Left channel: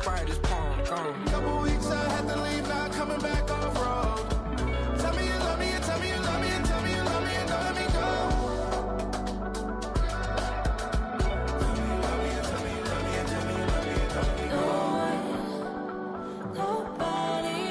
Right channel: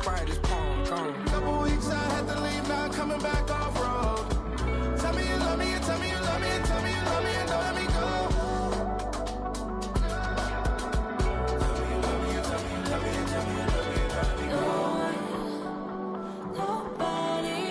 Sprite, this palm gone. Couple weeks I had to leave, now coming back off road. Tell me you love me, and tell me you love me, and tell me you love me, and don't let me go. Nobody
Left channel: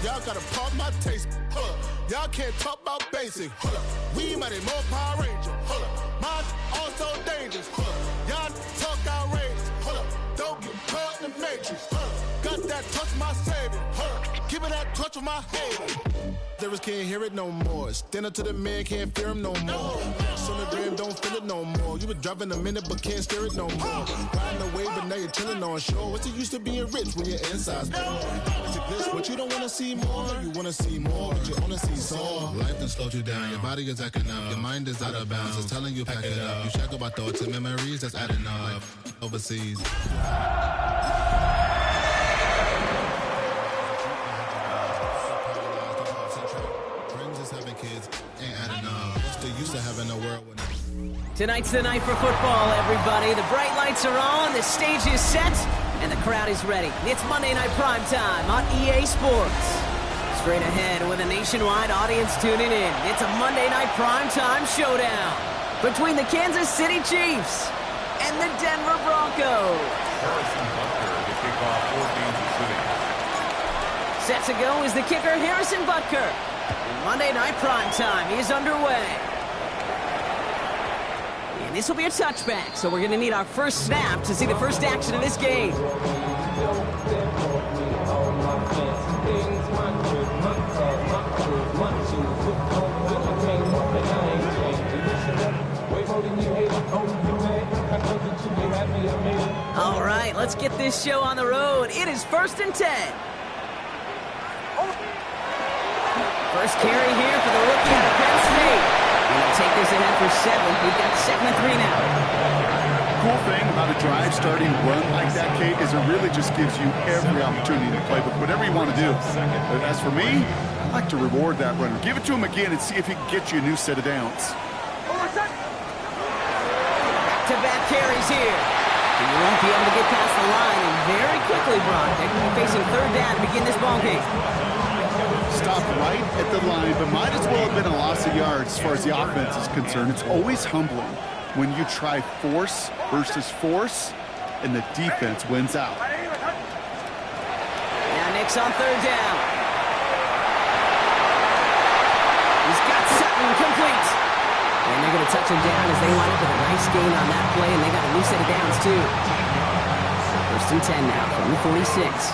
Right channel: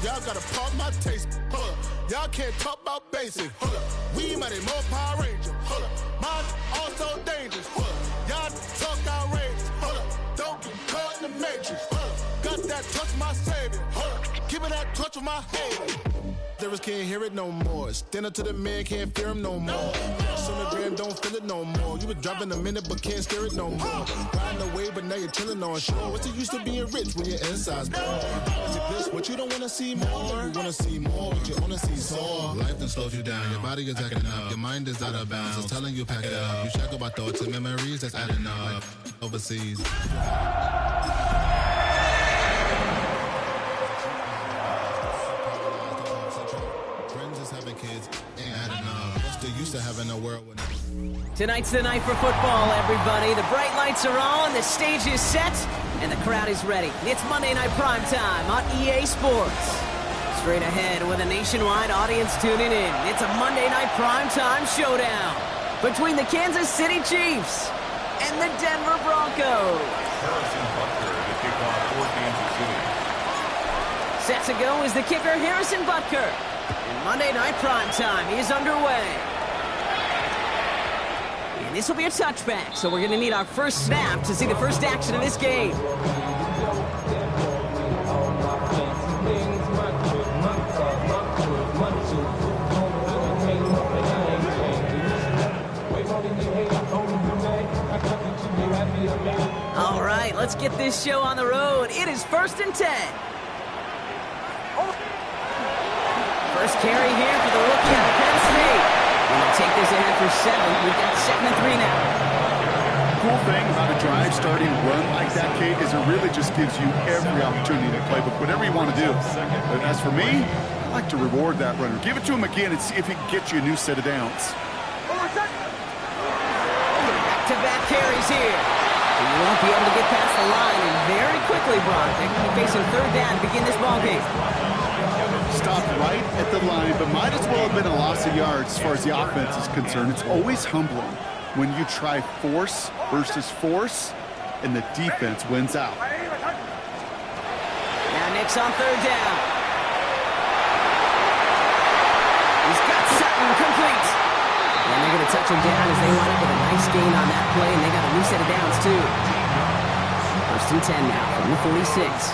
Y'all gotta pump my taste. Hold up. Y'all can't talk about basic. Hold up. We mighty more Power Ranger. Hold up. Mine also dangerous. Hold up. Y'all talk outrageous. Hold up. Don't get caught in the matrix. Hold up. Got that touch my savior. Hold up. Give me that touch with my hater. Lyrics can't hear it no more. Stand up to the man, can't fear him no more. Sonogram don't feel it no more. You been driving a minute but can't steer it no more. Riding away but now you're chilling on shore. What's the use of being rich when your inside's poor? Is it this what you don't wanna see more? No, you wanna see more, but you wanna see soul. Life done slowed you down, your body is acting up, your mind is out of bounds. It's telling you pack it up. You shackle about thoughts and memories that's adding up like overseas. Having kids ain't adding up. What's the use of having a world when Tonight's the night for football, everybody. The bright lights are on, the stage is set, and the crowd is ready. It's Monday Night Primetime on EA Sports. Straight ahead with a nationwide audience tuning in. It's a Monday Night Primetime showdown between the Kansas City Chiefs and the Denver Broncos. Harrison Butker to kick off for Kansas City. Set to go is the kicker Harrison Butker. And Monday Night Primetime is underway. And this will be a touchback, so we're going to need our first snap to see the first action of this game. All right, let's get this show on the road. It is 1st and 10. First carry here for the rookie out of Penn State. And they'll take this ahead for 7. We've got 2nd and 3 now. Cool thing about a drive starting run like that, Kate, is it really just gives you every opportunity to play, but whatever you want to do. But as for me, I like to reward that runner. Give it to him again and see if he can get you a new set of downs. Back-to-back carries here. And you won't be able to get past the line, and very quickly, Brock, they're going to be facing 3rd down to begin this ballgame. Stopped right at the line, but might as well have been a loss of yards as far as the offense is concerned. It's always humbling when you try force versus force, and the defense wins out. Now Nick's on 3rd down. He's got Sutton complete. And they're going to touch him down as they wind up with a nice gain on that play, and they got a new set of downs, too. 1st and 10 now from the 46.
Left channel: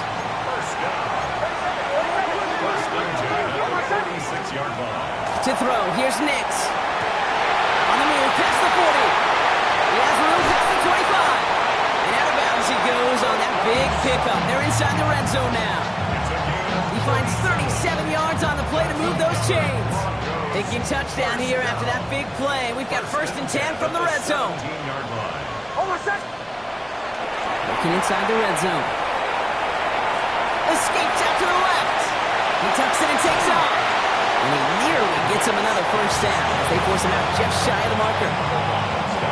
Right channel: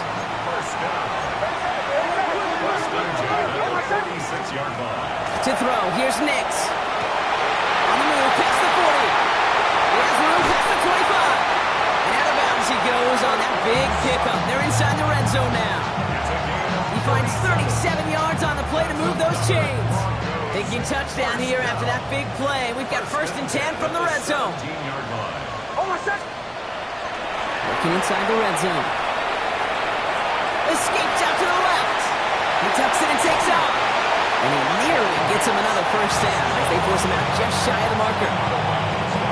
To throw, here's Nix. On the move, past the 40. He has room past the 25. And out of bounds he goes on that big pickup. They're inside the red zone now. He finds 37 yards on the play to move those chains. Taking touchdown here after that big play. We've got 1st and 10 from the red zone. Looking inside the red zone. Escapes out to the left. He tucks it and takes off. And he nearly gets him another 1st down as they force him out just shy of the marker.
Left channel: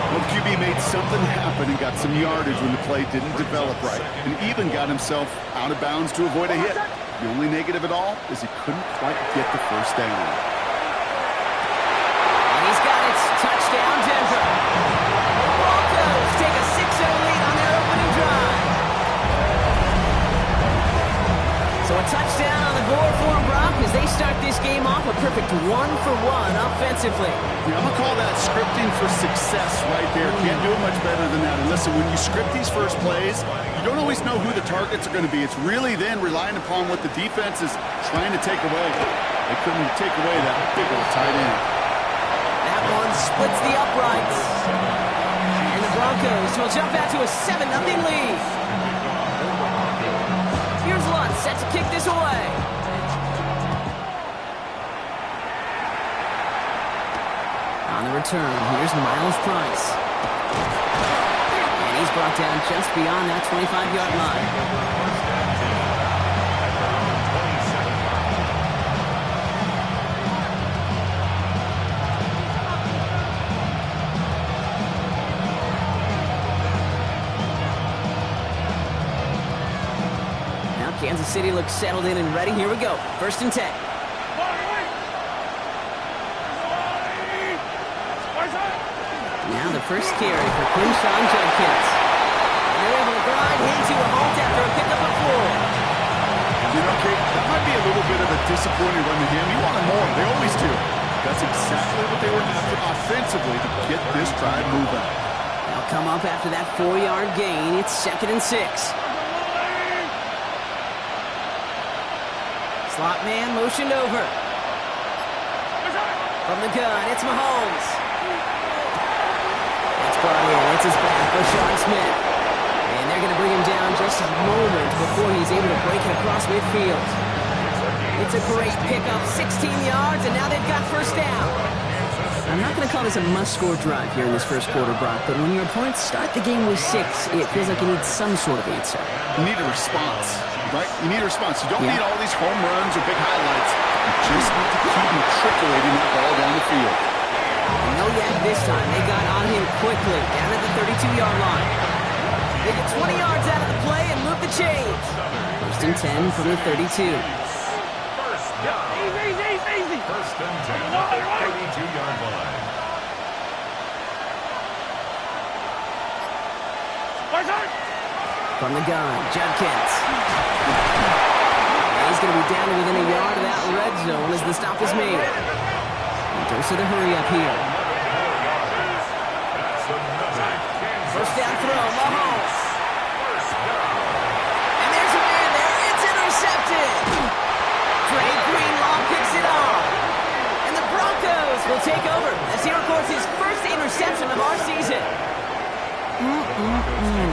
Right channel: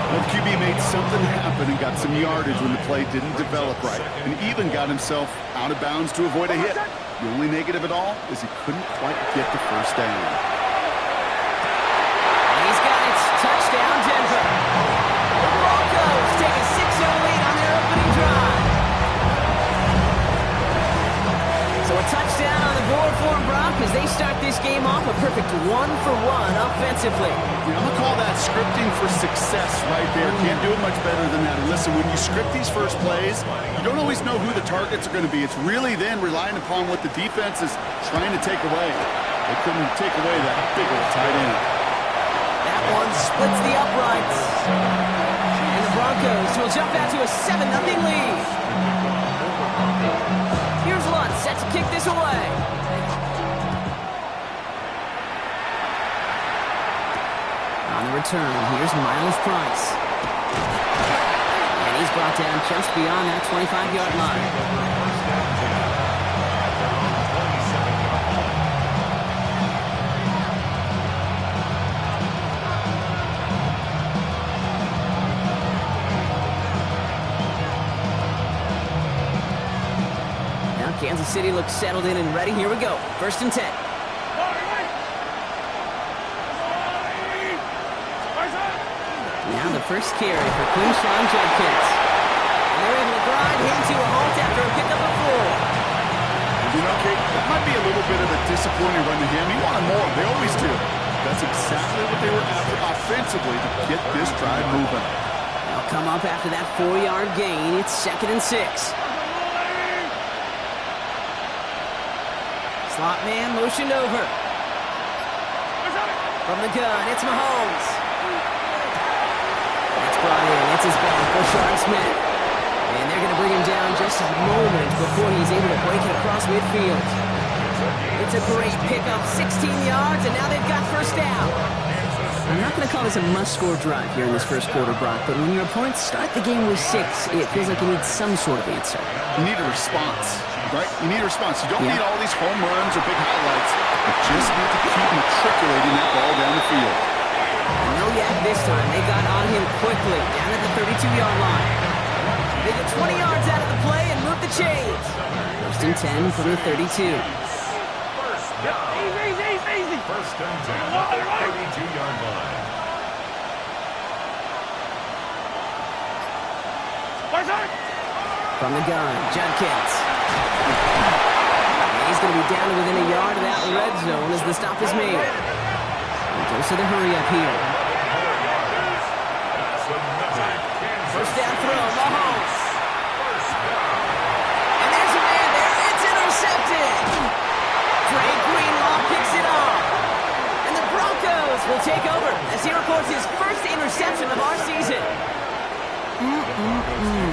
Well, QB made something happen and got some yardage when the play didn't develop right, and even got himself out of bounds to avoid a hit. The only negative at all is he couldn't quite get the 1st down. And he's got it. Touchdown, Denver. The Broncos take a 6-0 lead on their opening drive. So a touchdown on the board for him, Brock. as they start this game off a perfect 1-for-1 offensively. Yeah, I'm going to call that scripting for success right there. Can't do it much better than that. And listen, when you script these first plays, you don't always know who the targets are going to be. It's really then relying upon what the defense is trying to take away. They couldn't take away that big old tight end. That one splits the uprights. And the Broncos will jump out to a 7-0 lead. Here's Lutz set to kick this away. On the return, here's Miles Price. And he's brought down just beyond that 25-yard line. Now Kansas City looks settled in and ready. Here we go. 1st and 10. Now the first carry for Quinshawn Judkins. And they're able to grind him to a halt after a pickup of 4. You know, Kate, that might be a little bit of a disappointing run to him. He wanted more. They always do. That's exactly what they were after offensively to get this drive moving. They'll come up after that 4-yard gain. It's 2nd and 6. Slot man motioned over. From the gun, it's Mahomes. That's brought in. It's his back, Rashard Smith. And they're going to bring him down just a moment before he's able to break it across midfield. It's a great pickup, 16 yards, and now they've got 1st down. I'm not going to call this a must-score drive here in this first quarter, Brock, but when your opponents start the game with 6, it feels like you need some sort of answer. You need a response, right? You need a response. You don't need all these home runs or big highlights. You just need to keep matriculating that ball down the field. No yak this time. They got on him quickly, down at the 32-yard line. They get 20 yards out of the play and move the chains. 1st and 10 from the 32. First down. Easy. 1st and 10 at the 32-yard line. From the gun, Judkins. And he's going to be down to within a yard of that red zone as the stop is made. And goes to the hurry up here. 1st down throw, Mahomes. And there's a man there. It's intercepted. Trey Greenlaw picks it off. And the Broncos will take over as he records his 1st interception of our season.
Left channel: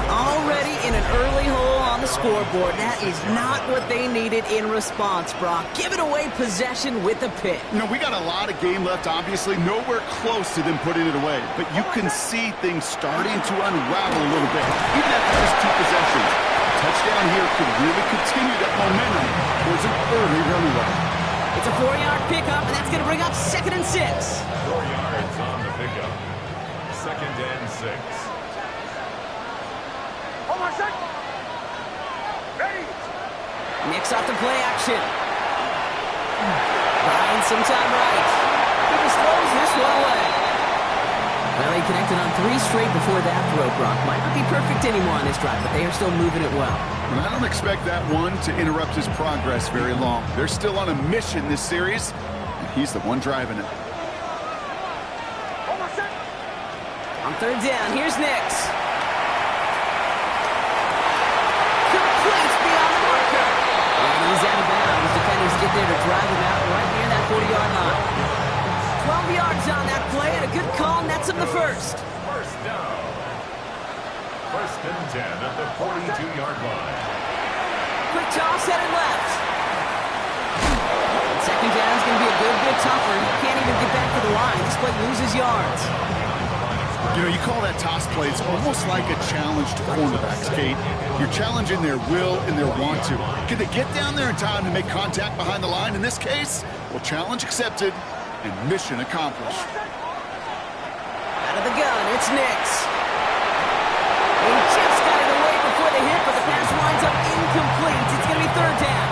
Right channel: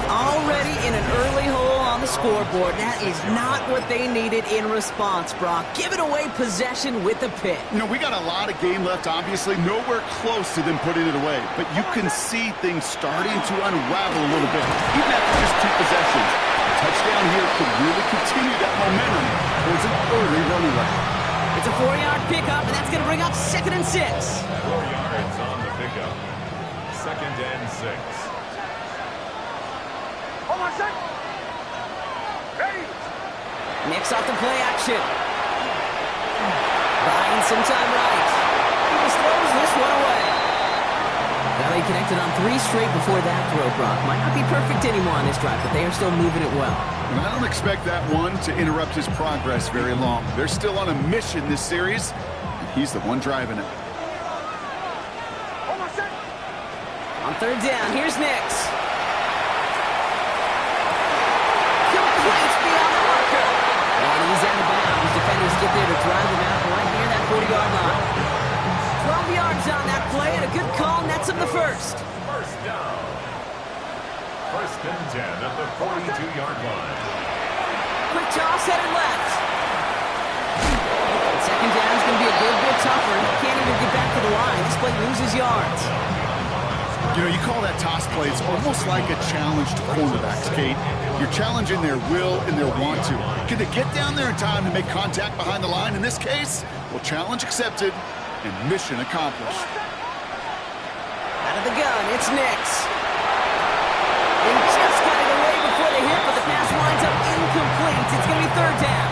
Already in an early hole on the scoreboard. That is not what they needed in response, Brock. Giving away possession with the pick. You know, we got a lot of game left, obviously. Nowhere close to them putting it away. But you can see things starting to unravel a little bit, even after just 2 possessions. A touchdown here could really continue that momentum towards an early runaway. It's a 4-yard pickup, and that's going to bring up 2nd and 6. 4 yards on the pickup. 2nd and 6. Hold on, set. Ready. Mix off the play action. Buying some time right. He just throws this one away. Well, he connected on 3 straight before that throw, Brock. Might not be perfect anymore on this drive, but they are still moving it well. And I don't expect that one to interrupt his progress very long. They're still on a mission this series, and he's the one driving it. Hold on, set. On 3rd down, here's Nix. Complete beyond the marker. And he's out of bounds. Defenders get there to drive him out right near that 40-yard line. 12 yards on that play, and a good call nets him the 1st. 1st down. 1st and 10 at the 42-yard line. Quick toss headed left. 2nd down is going to be a good bit tougher. He can't even get back to the line. This play loses yards. You know, you call that toss play, it's almost like a challenge to cornerbacks, Kate. You're challenging their will and their want to. Can they get down there in time to make contact behind the line? In this case, well, challenge accepted and mission accomplished. Out of the gun, it's Nix. He just got it away before the hit, but the pass winds up incomplete. It's going to be 3rd down.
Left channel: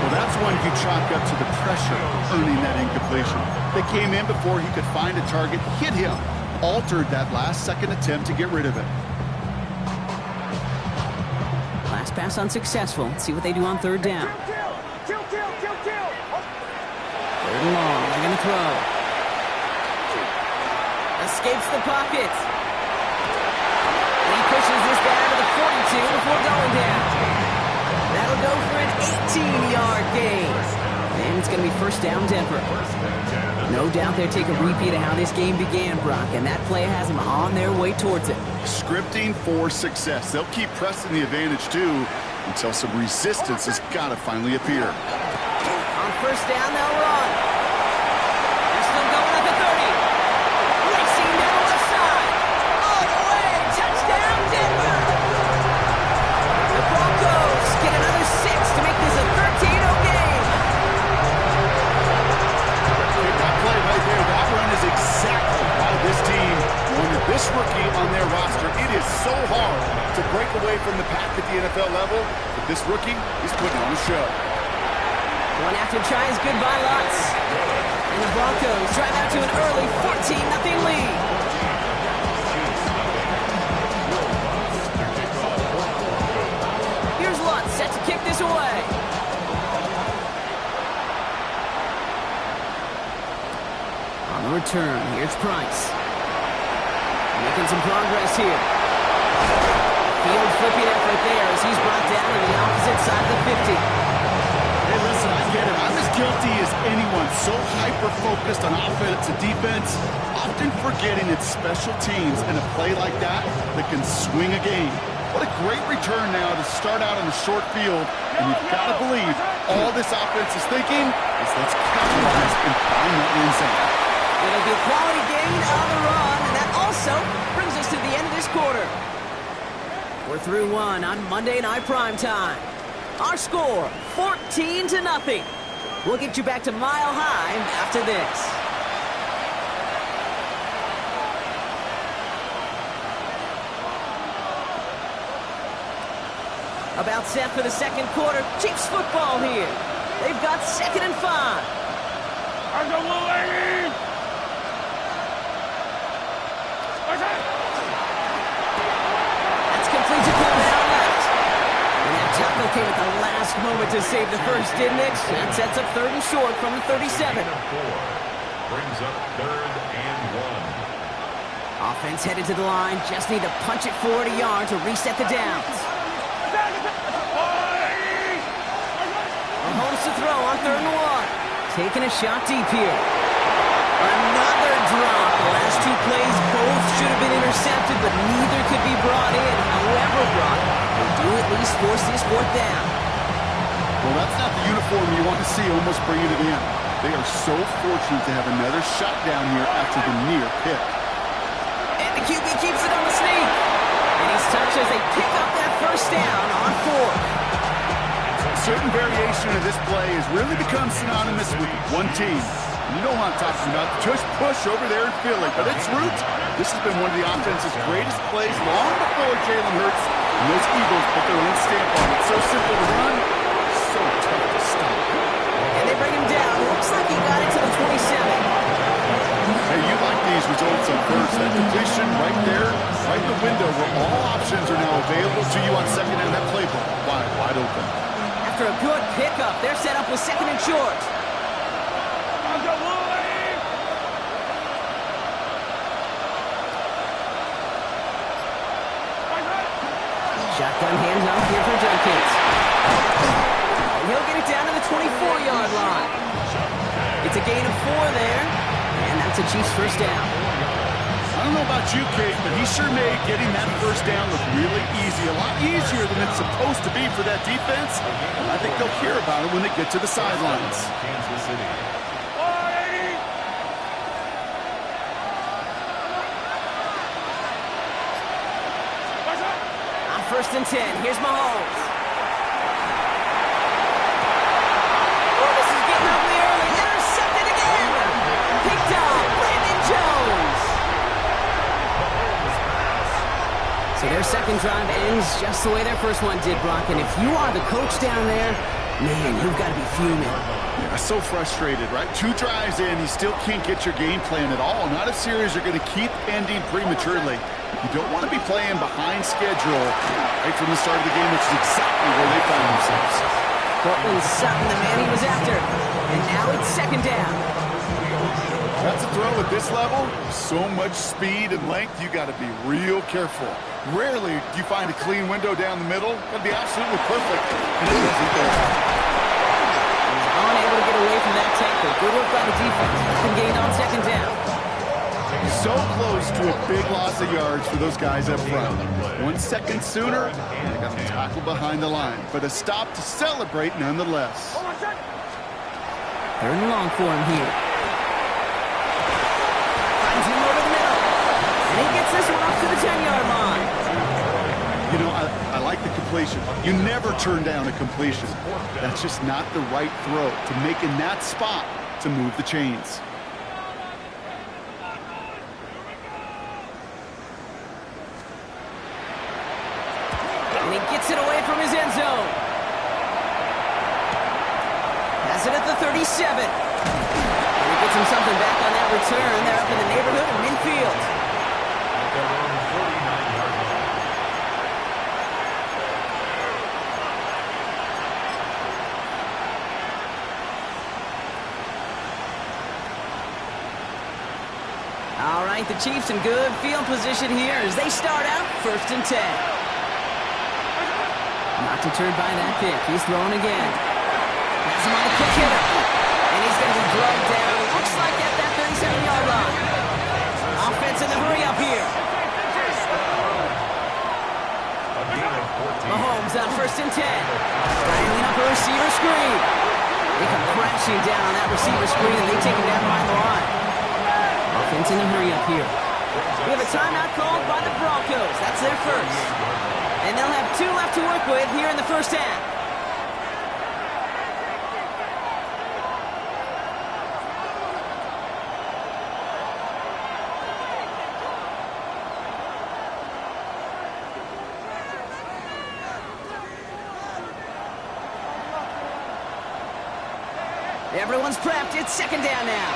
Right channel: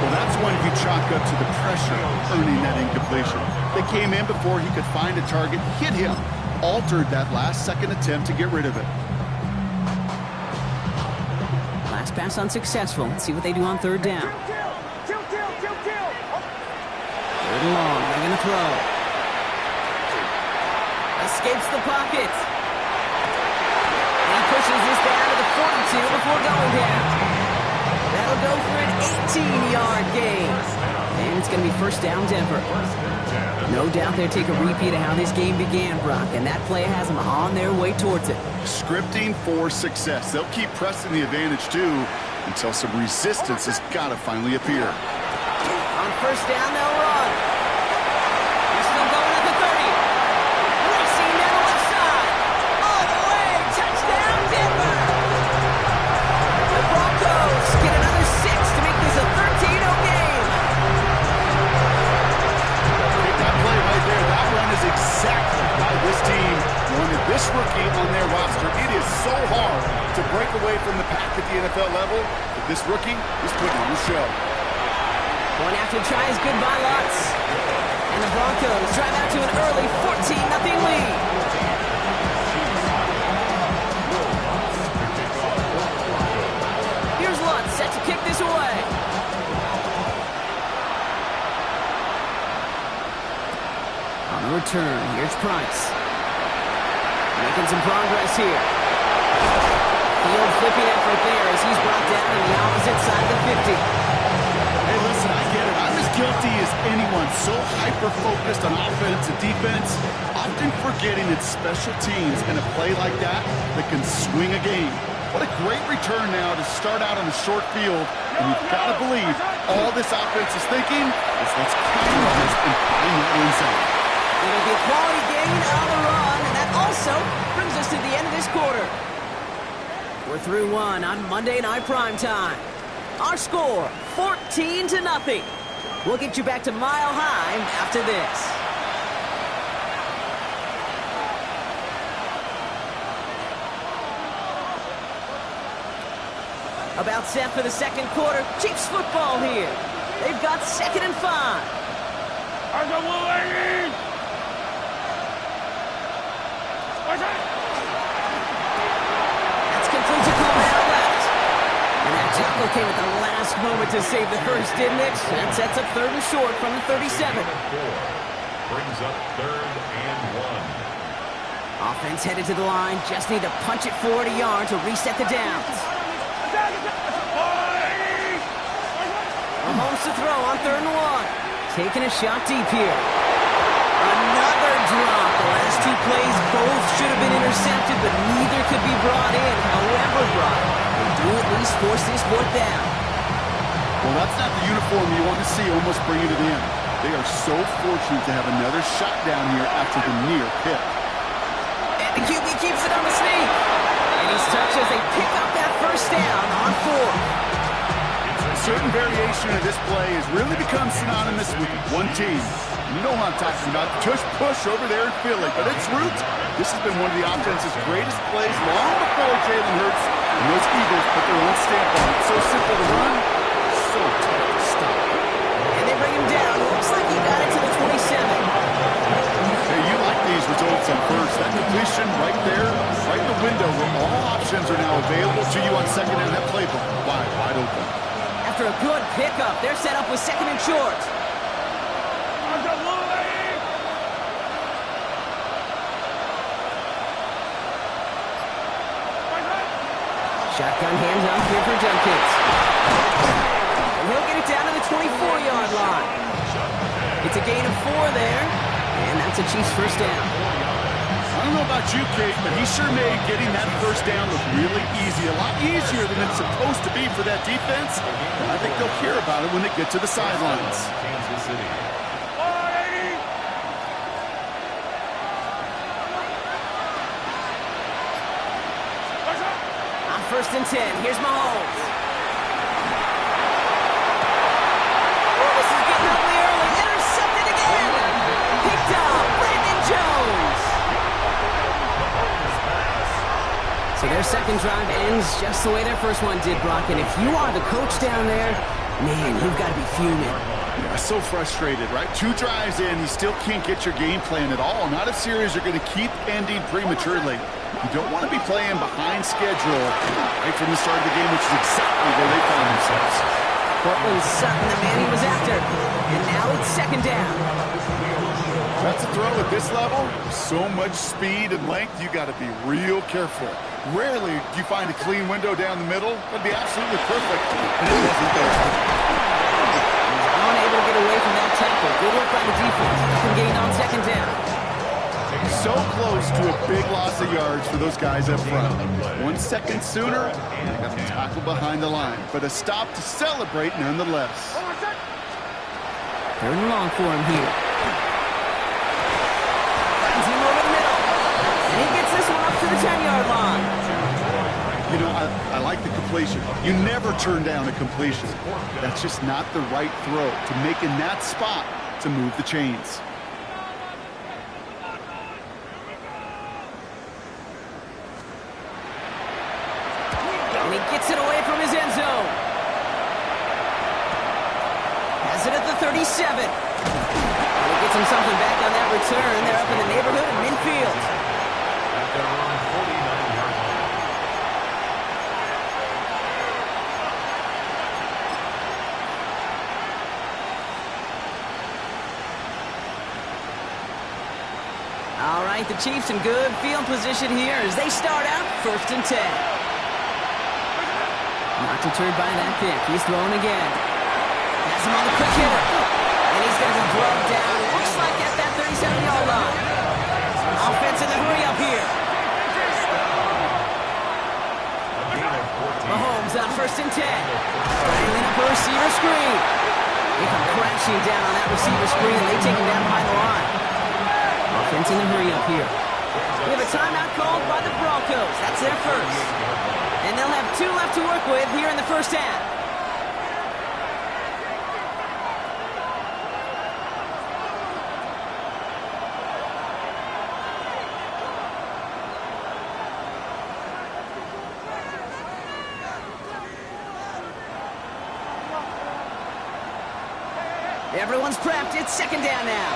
Well, that's one you chalk up to the pressure earning that incompletion. They came in before he could find a target, hit him, altered that last-second attempt to get rid of it. Last pass unsuccessful. Let's see what they do on 3rd down. Kill. Third and long. They're going to throw. Escapes the pocket. And he pushes this down to the 42 before going down. That'll go for an 18-yard gain. And it's going to be first down Denver. No doubt they'll take a repeat of how this game began, Brock, and that play has them on their way towards it. Scripting for success. They'll keep pressing the advantage, too, until some resistance has got to finally appear. On first down, they'll run. He's still going at the 30. Racing down the left side. All the way. Touchdown, Denver. The Broncos get another 6 to make this a 13-0 game. That play right there, that run is exactly why this team wanted this rookie on their roster. It is so hard to break away from the pack at the NFL level, but this rookie is putting on a show. One after try is good by Lutz. And the Broncos drive out to an early 14-0 lead. Here's Lutz set to kick this away. On the return, here's Price. Making some progress here. Field flipping effort there as he's brought down on the opposite side of the 50. Hey, listen, I get it. I'm as guilty as anyone. So hyper-focused on offense and defense, often forgetting it's special teams in a play like that can swing a game. What a great return now to start out on a short field, and you've got to believe all this offense is thinking is let's capitalize and find that end zone. It'll be a quality gain on the run, and that also brings us to the end of this quarter. We're through one on Monday Night Primetime. Our score, 14-0. We'll get you back to Mile High after this. About set for the second quarter. Chiefs football here. They've got 2nd and 5. That's complete to Coleman out left. And that tackle came at the last moment to save the first, didn't it? That sets up 3rd and short from the 37. Brings up 3rd and 1. Offense headed to the line. Just need to punch it forward a yard to reset the downs. Mahomes to throw on 3rd and 1. Taking a shot deep here. Another drop. The last 2 plays both should have been intercepted, but neither could be brought in. However brought, they do at least force this 4th down. Well, that's not the uniform you want to see almost bringing it in. They are so fortunate to have another shot down here after the near pick. And the QB keeps it on the sneak. And he's touched as they pick up that 1st down on 4th. A certain variation of this play has really become synonymous with one team. And you know what I'm talking about, the tush push over there in Philly. But its roots, this has been one of the offense's greatest plays long before Jalen Hurts and those Eagles put their own stamp on it. So simple to run, so tough to stop. And they bring him down. Looks like he got it to the 27. Hey, you like these results on first. That completion right there, right in the window where all options are now available to you on 2nd down. That playbook wide open. After a good pickup, they're set up with 2nd and short. Shotgun handoff here for Jenkins. And he'll get it down to the 24-yard line. It's a gain of 4 there, and that's a Chiefs 1st down. I don't know about you, Kate, but he sure made getting that 1st down look really easy. A lot easier than it's supposed to be for that defense. And I think they'll hear about it when they get to the sidelines. Kansas City. On 1st and 10, here's Mahomes. Oh, this is getting ugly early. Intercepted again. Picked up. Brandon Jones. So their 2nd drive ends just the way their 1st one did, Brock. And if you are the coach down there, man, you've got to be fuming. Yeah, so frustrated, right? 2 drives in, you still can't get your game plan at all. Not if series are going to keep ending prematurely. You don't want to be playing behind schedule right from the start of the game, which is exactly where they find themselves. Cortland Sutton, the man he was after. And now it's second down. That's a throw at this level. So much speed and length, you got to be real careful. Rarely do you find a clean window down the middle. That'd be absolutely perfect, and it wasn't there. He's unable to get away from that tackle. Good work by the defense. Nothing gained on second down. So close to a big loss of yards for those guys up front. 1 second sooner, and they got the tackle behind the line. But a stop to celebrate nonetheless. Third and long for him here. Finds him over the middle. And he gets this one up to the 10-yard line. You know, I like the completion. You never turn down a completion. That's just not the right throw to make in that spot to move the chains. And he gets it away from his end zone. Has it at the 37. And he gets him something back on that return. They're up in the neighborhood of midfield. At their own 49-yard line. All right, the Chiefs in good field position here as they start out 1st and 10. Not deterred by that pick. He's throwing again. Has him on the quick hitter. And he's going to be drugged down. Looks like at that 37-yard line. Offense in the hurry up here. Mahomes on 1st and 10. Triangling up a receiver screen. They come crashing down on that receiver screen, and they take him down behind the line. Offense in the hurry up here. We have a timeout called by the Broncos. That's their first. And they'll have 2 left to work with here in the first half. Everyone's prepped. It's second down now.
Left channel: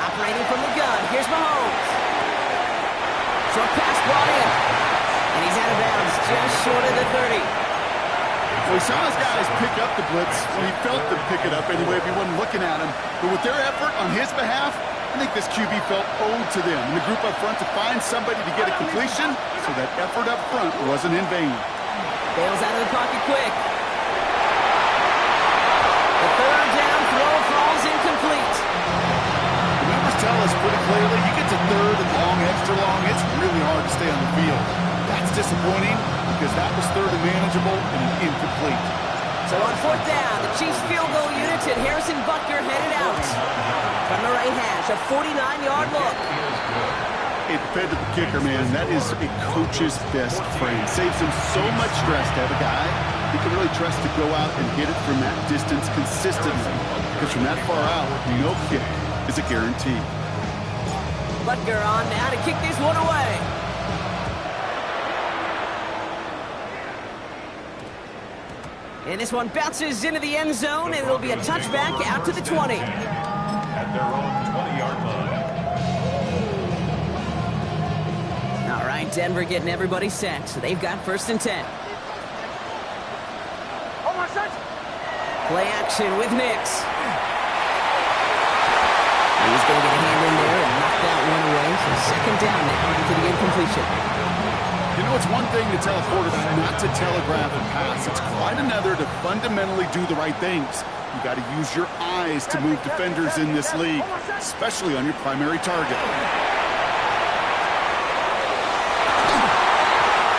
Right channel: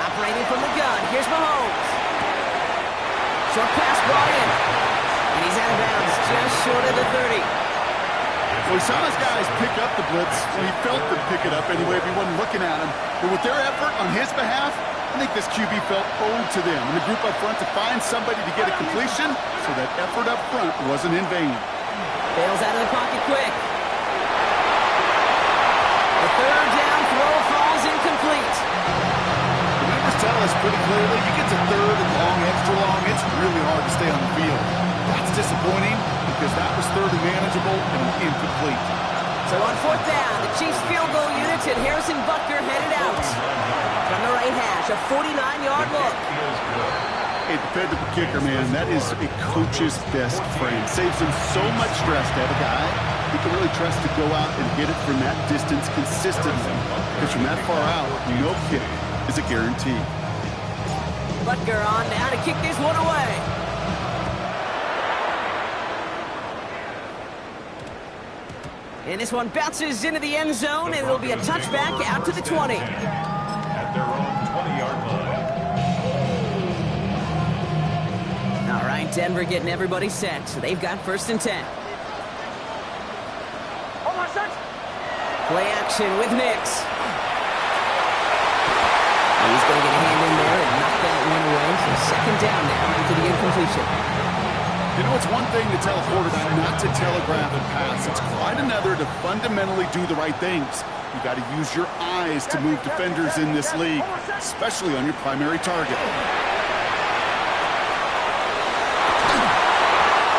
Operating from the gun. Here's Mahomes. Short pass brought in. And he's out of bounds just short of the 30. Well, we saw his guys pick up the blitz. Well, he felt them pick it up anyway if he wasn't looking at him. But with their effort on his behalf, I think this QB felt owed to them and the group up front to find somebody to get a completion, so that effort up front wasn't in vain. Bails out of the pocket quick. The third down throw falls incomplete. The numbers tell us pretty clearly, you get to third and long, extra long, it's really hard to stay on the field. That's disappointing because that was third and manageable and incomplete. So on 4th down, the Chiefs field goal units and Harrison Butker headed out. From the right hash, a 49-yard look. A dependable kicker, man. That is a coach's best friend. Saves him so much stress to have a guy he can really trust to go out and hit it from that distance consistently. Because from that far out, no kick is a guarantee. Butker on now to kick this one away. And this one bounces into the end zone, and it'll be a touchback out to the 20. At their own 20-yard line. All right, Denver getting everybody set. So they've got 1st and 10. Play action with Nix. He's going to get a hand in there and knock that one away. So second down now after the incompletion. You know, it's one thing to tell a quarterback not to telegraph and pass. It's quite another to fundamentally do the right things. You got to use your eyes to move defenders in this league, especially on your primary target.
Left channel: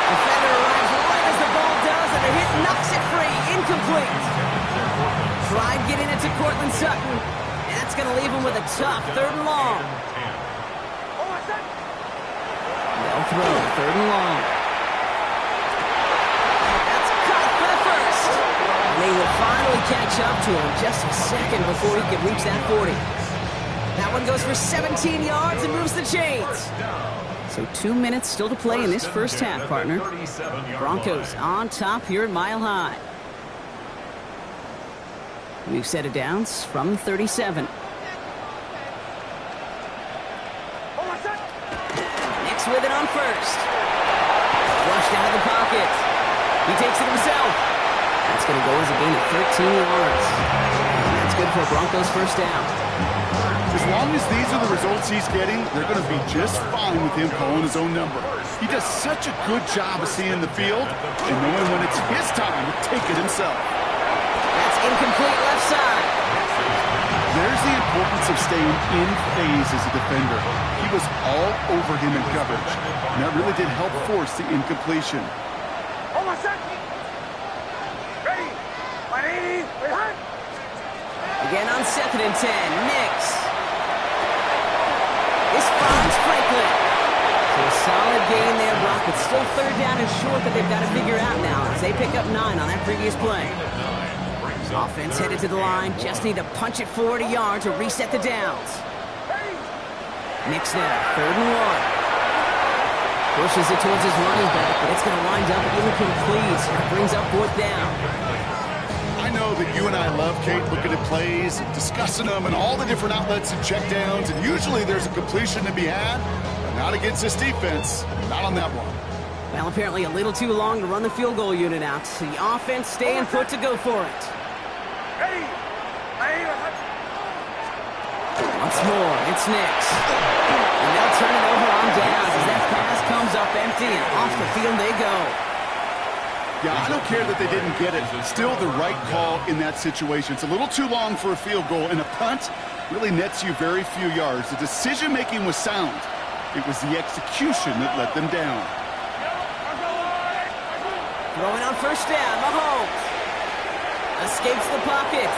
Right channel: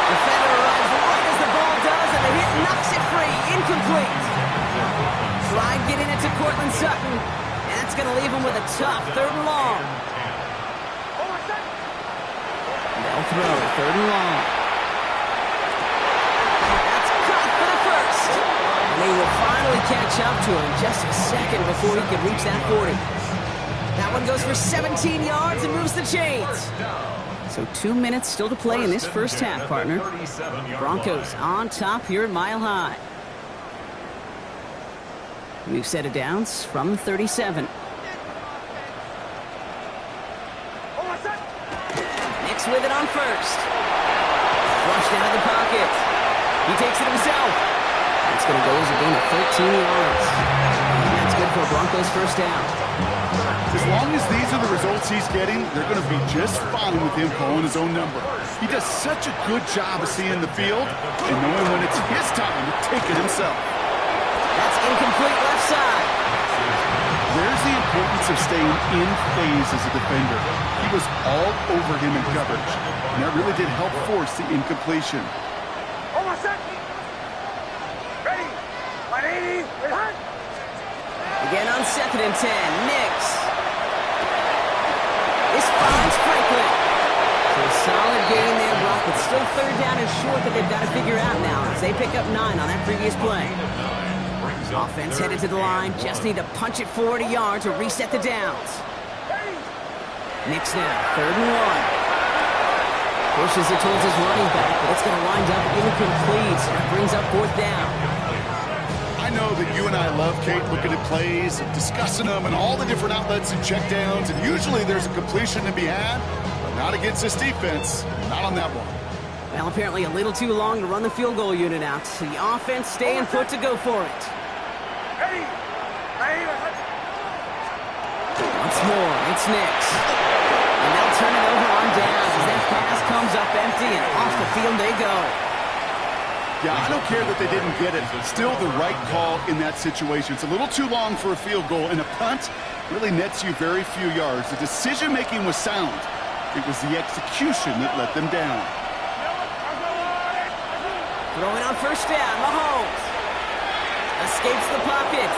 Defender arrives right as the ball does, and the hit knocks it free. Incomplete. Tried getting it to Cortland Sutton, and that's going to leave him with a tough 3rd and long. They'll throw 3rd and long. That's caught for the first. And they will finally catch up to him just a second before he can reach that 40. That one goes for 17 yards and moves the chains. So 2 minutes still to play in this first half, partner. Broncos on top here at Mile High. New set of downs from 37. Nix with it on 1st. Flushed out of the pocket. He takes it himself. It's going to go as a gain of 13 yards. And that's good for a Broncos first down. As long as these are the results he's getting, they're going to be just fine with him calling his own number. He does such a good job of seeing the field and knowing when it's his time to take it himself. That's incomplete left side. There's the importance of staying in phase as a defender. He was all over him in coverage, and that really did help force the incompletion. Hold on, set. Ready. 180. Behind. Again on 2nd and 10. Nix. This finds Franklin. So a solid gain there, Brock. It's still 3rd down and short that they've got to figure out now as they pick up 9 on that previous play. Offense headed to the line. Just need to punch it forward a yard to reset the downs. Nix now, 3rd and 1. Pushes it towards his running back, but it's going to wind up incomplete. That brings up 4th down. I know that you and I love, Kate, looking at plays and discussing them and all the different outlets and checkdowns, and usually there's a completion to be had, but not against this defense. Not on that one. Well, apparently a little too long to run the field goal unit out. The offense staying put to go for it. Ready. Once more, it's Nix. And they'll turn it over on downs as that pass comes up empty and off the field they go. Yeah, I don't care that they didn't get it. Still the right call in that situation. It's a little too long for a field goal, and a punt really nets you very few yards. The decision-making was sound. It was the execution that let them down. Throwing on 1st down, Mahomes. Escapes the pocket.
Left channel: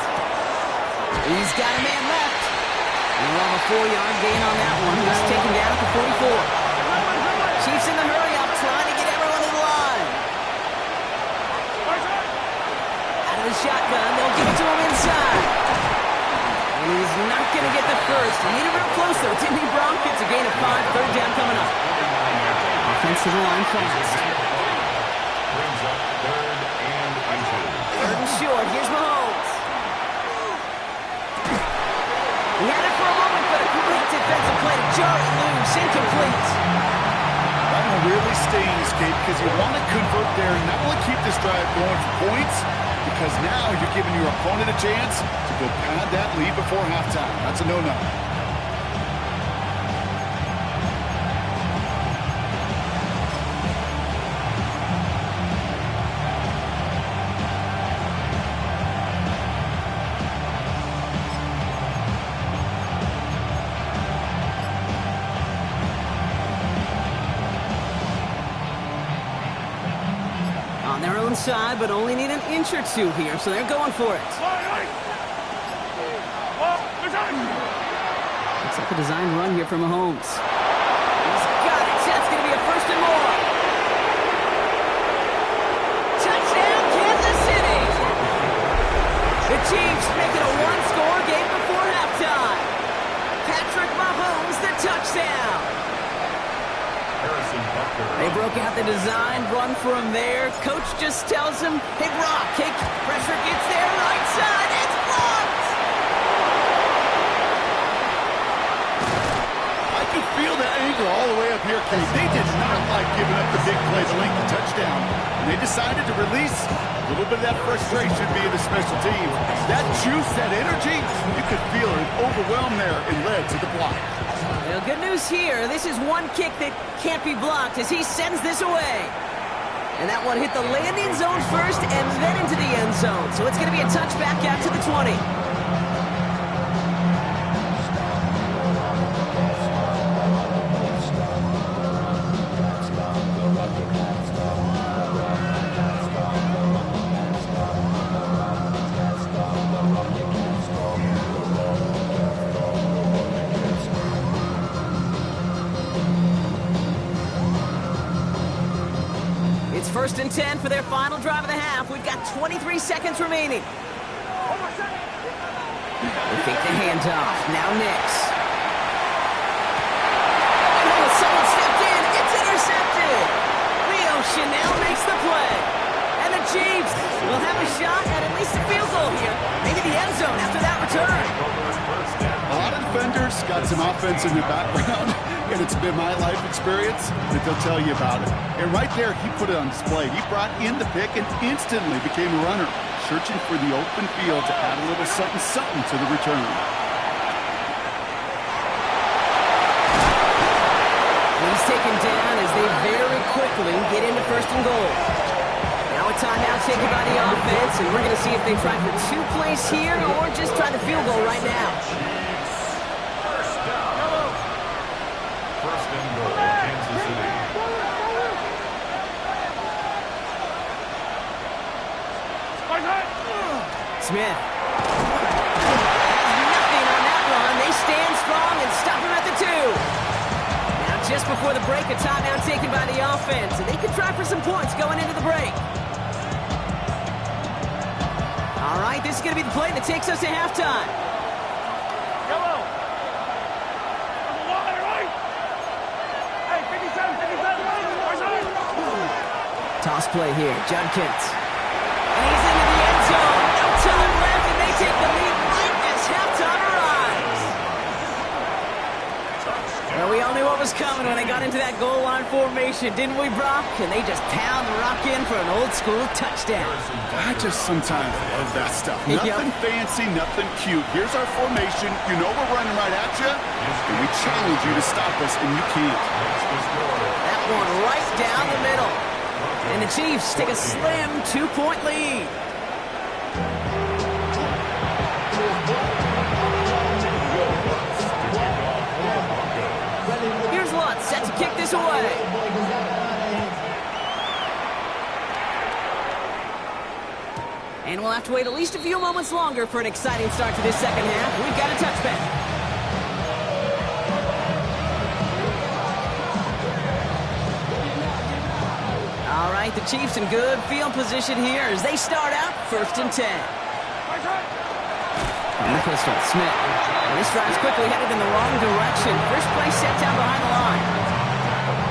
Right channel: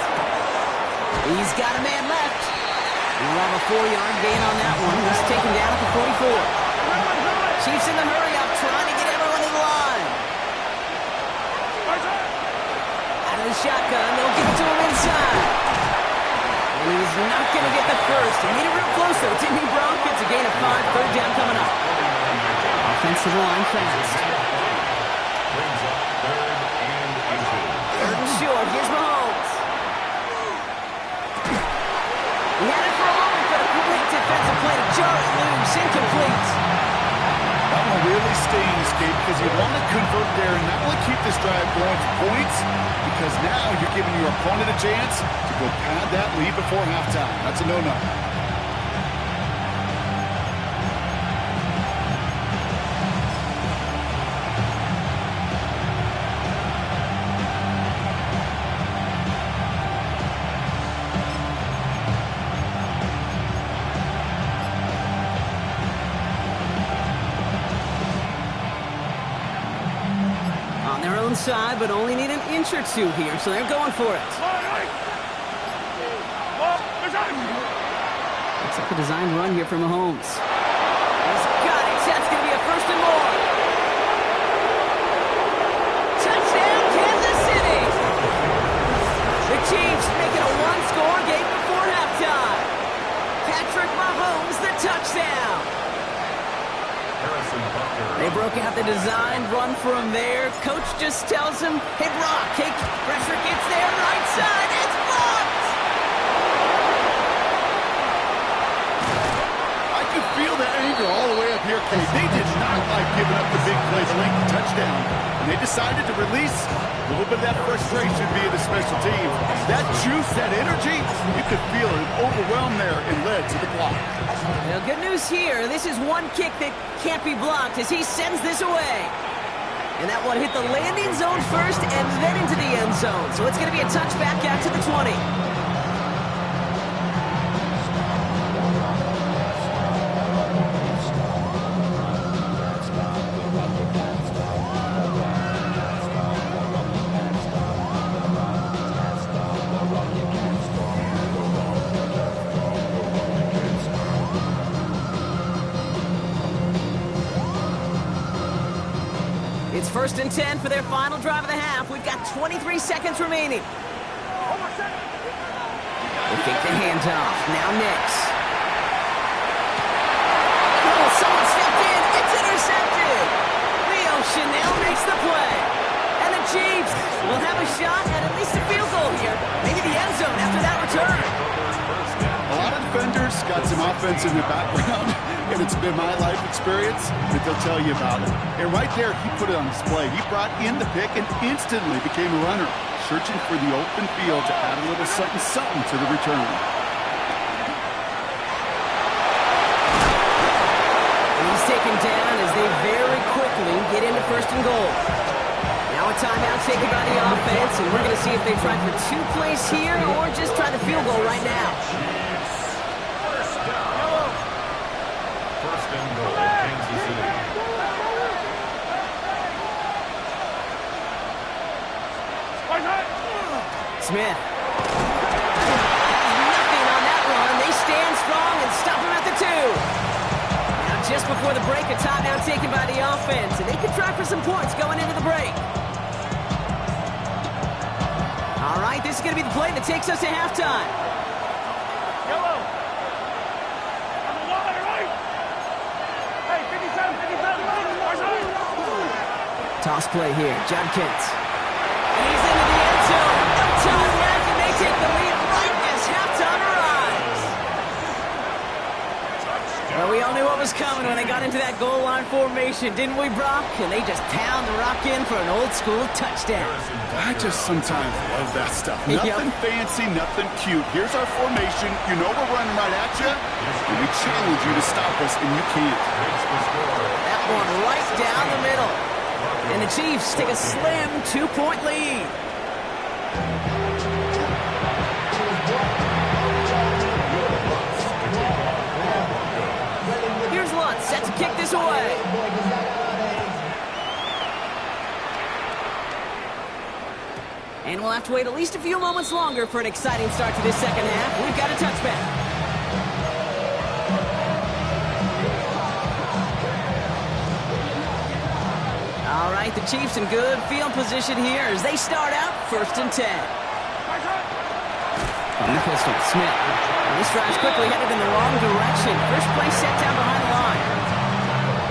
He's got a man left. We'll have a 4-yard gain on that one. He's taken down at the 44. Chiefs in the hurry-up, trying to get everyone to the line. Out of the shotgun, they'll give it to him inside. And he's not going to get the first. He made it real close, though, didn't he, Brock? It's a gain of 5, 3rd down coming up. Offensive line fast. Brings up 3rd and 2. 3rd and short. Here's Mahomes. He had it for a moment, but a great defensive play to jar it loose. Incomplete. That one really stings, Kate, because you want to convert there and not only keep this drive going for points, because now you're giving your opponent a chance to go pad that lead before halftime. That's a no-no. On their own side, but only need an inch or two here, so they're going for it. Looks like a design run here from Mahomes. He's got it. That's going to be a 1st and more. Touchdown, Kansas City! The Chiefs make it a 1-score game before halftime. Patrick Mahomes, the touchdown. They broke out the design run for him there. Coach just tells him, hey, Brock, kick. Pressure gets there, right side. It's blocked. I could feel the anger all the way up here, Kate. They did not like giving up the big play to length the touchdown. And they decided to release a little bit of that frustration via the special team. That juice, that energy, you could feel it overwhelmed there and led to the block. Well, good news here. This is one kick that can't be blocked as he sends this away. And that one hit the landing zone first and then into the end zone. So it's going to be a touchback out to the 20. It's 1st and 10 for their final drive of the half. We've got 23 seconds remaining. They take the handoff. Now Nix. Oh, someone stepped in. It's intercepted. Leo Chanel makes the play. And the Chiefs will have a shot at least a field goal here. Maybe the end zone after that return. A lot of defenders got some offense in their background. and it's been my life experience that they'll tell you about it. And right there, he put it on display. He brought in the pick and instantly became a runner, searching for the open field to add a little something to the return. And he's taken down as they very quickly get into 1st and goal. Now a timeout taken by the offense, and we're going to see if they try for 2 plays here or just try the field goal right now. First down. 1st and goal, Kansas City. Smith has nothing on that run. They stand strong and stop him at the 2. Now just before the break, a timeout taken by the offense, and they could try for some points going into the break. All right, this is going to be the play that takes us to halftime. Yellow. On the wall, right. Hey, 57. Toss play here, Judkins. And he's into the end zone. No time left, and they take the lead right as halftime arrives. Well, we all knew what was coming when they got into that goal line formation, didn't we, Brock? And they just pound the rock in for an old-school touchdown. I just sometimes love that stuff. Nothing fancy, nothing cute. Here's our formation. You know we're running right at you, and we challenge you to stop us, and you can't. That one right down the middle. And the Chiefs take a slim 2-point lead. Here's Lutz set to kick this away. And we'll have to wait at least a few moments longer for an exciting start to this second half. We've got a touchback. All right, the Chiefs in good field position here as they start out 1st and 10. From the pistol, Smith. And this drive's quickly headed in the wrong direction. First play set down behind the line.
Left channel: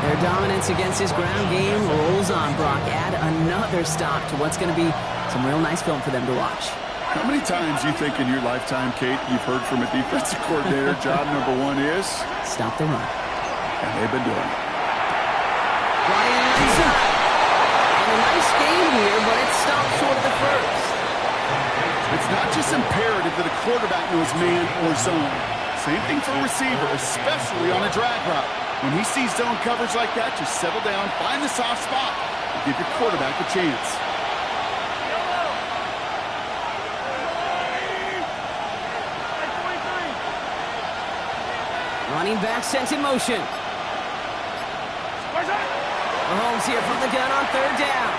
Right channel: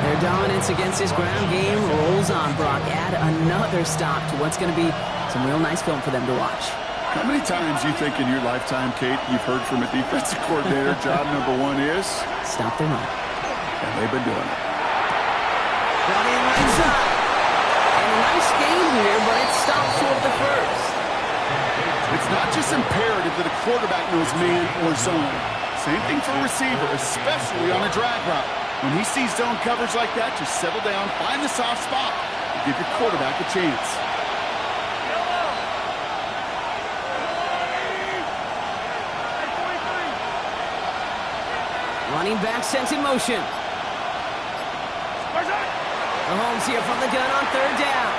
Their dominance against this ground game rolls on, Brock. Add another stop to what's going to be some real nice film for them to watch. How many times you think in your lifetime, Kate, you've heard from a defensive coordinator, job number 1 is? Stop the run. And they've been doing it. Brought in right side. A nice game here, but it stopped short of the first. It's not just imperative that a quarterback knows man or zone. Same thing for a receiver, especially on a drag route. When he sees zone coverage like that, just settle down, find the soft spot, and give your quarterback a chance. Running back sent in motion. Mahomes here from the gun on 3rd down.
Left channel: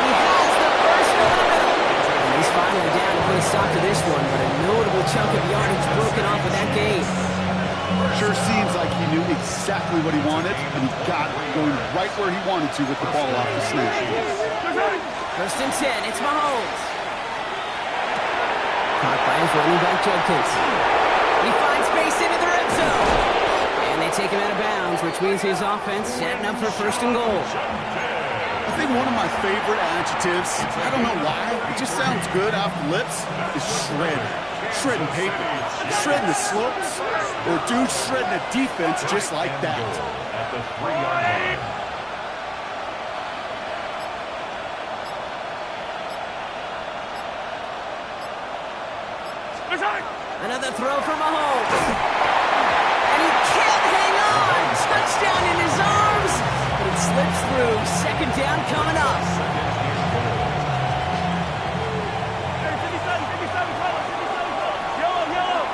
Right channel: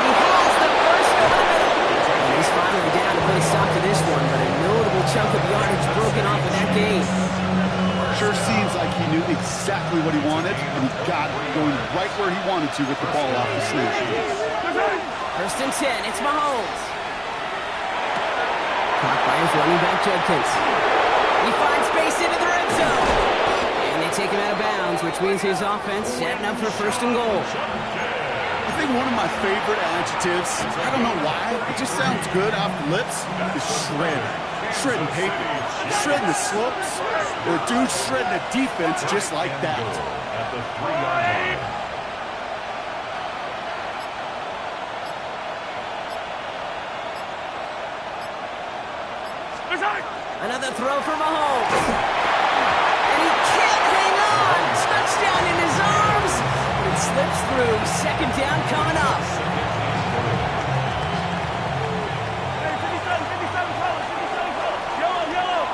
He has the first over the middle. And he's finally down to put a stop to this one, but a notable chunk of yardage broken off of that game. Sure seems like he knew exactly what he wanted, and he got it going right where he wanted to with the ball off the snap. 1st and 10, it's Mahomes. Caught by his running back, Judkins. He finds space into the red zone. And they take him out of bounds, which means his offense setting up for 1st and goal. I think one of my favorite adjectives, I don't know why, it just sounds good off the lips, is shred. Shredding paper, shredding the slopes, or a dude shredding a defense just like that. At the 3-yard line. Another throw for Mahomes. And he can't hang on. Touchdown in his arms. But it slips through. 2nd down coming up. Hey, 57 color. Yellow.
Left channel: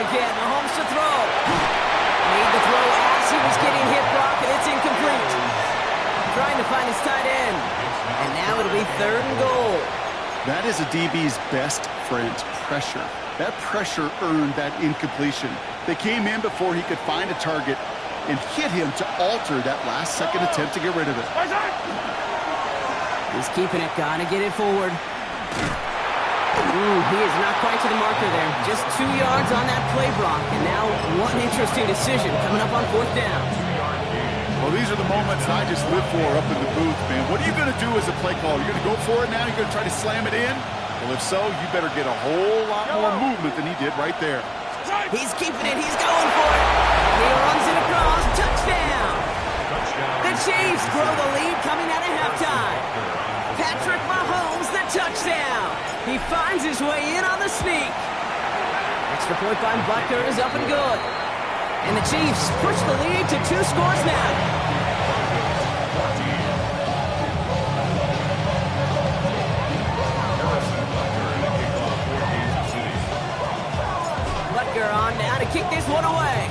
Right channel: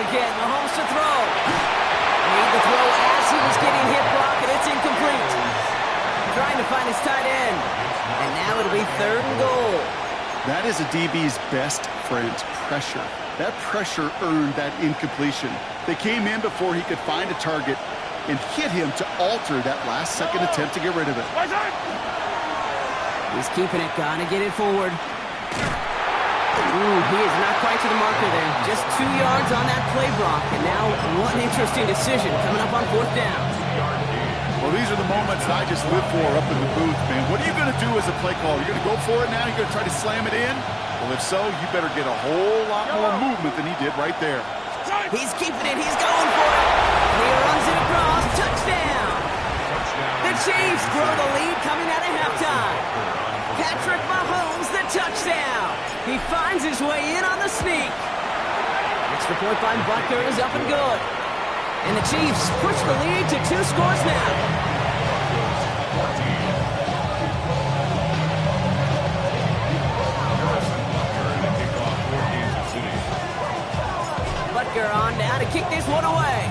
Again, Mahomes to throw. Made the throw as he was getting hit, Brock, and it's incomplete. Trying to find his tight end. And now it'll be 3rd and goal. That is a DB's best friend, pressure. That pressure earned that incompletion. They came in before he could find a target and hit him to alter that last-second attempt to get rid of it. He's keeping it, gotta get it forward. Ooh, he is not quite to the marker there. Just 2 yards on that play, Brock. And now one interesting decision coming up on 4th down. Well, these are the moments I just live for up in the booth, man. What are you going to do as a play caller? You're going to go for it now? You're going to try to slam it in? Well, if so, you better get a whole lot more movement than he did right there. He's keeping it. He's going for it. And he runs it across. Touchdown. The Chiefs grow the lead coming out of halftime. Patrick Mahomes, the touchdown. He finds his way in on the sneak. Extra point by Butker is up and good. And the Chiefs push the lead to 2 scores now. Butker on now to kick this one away.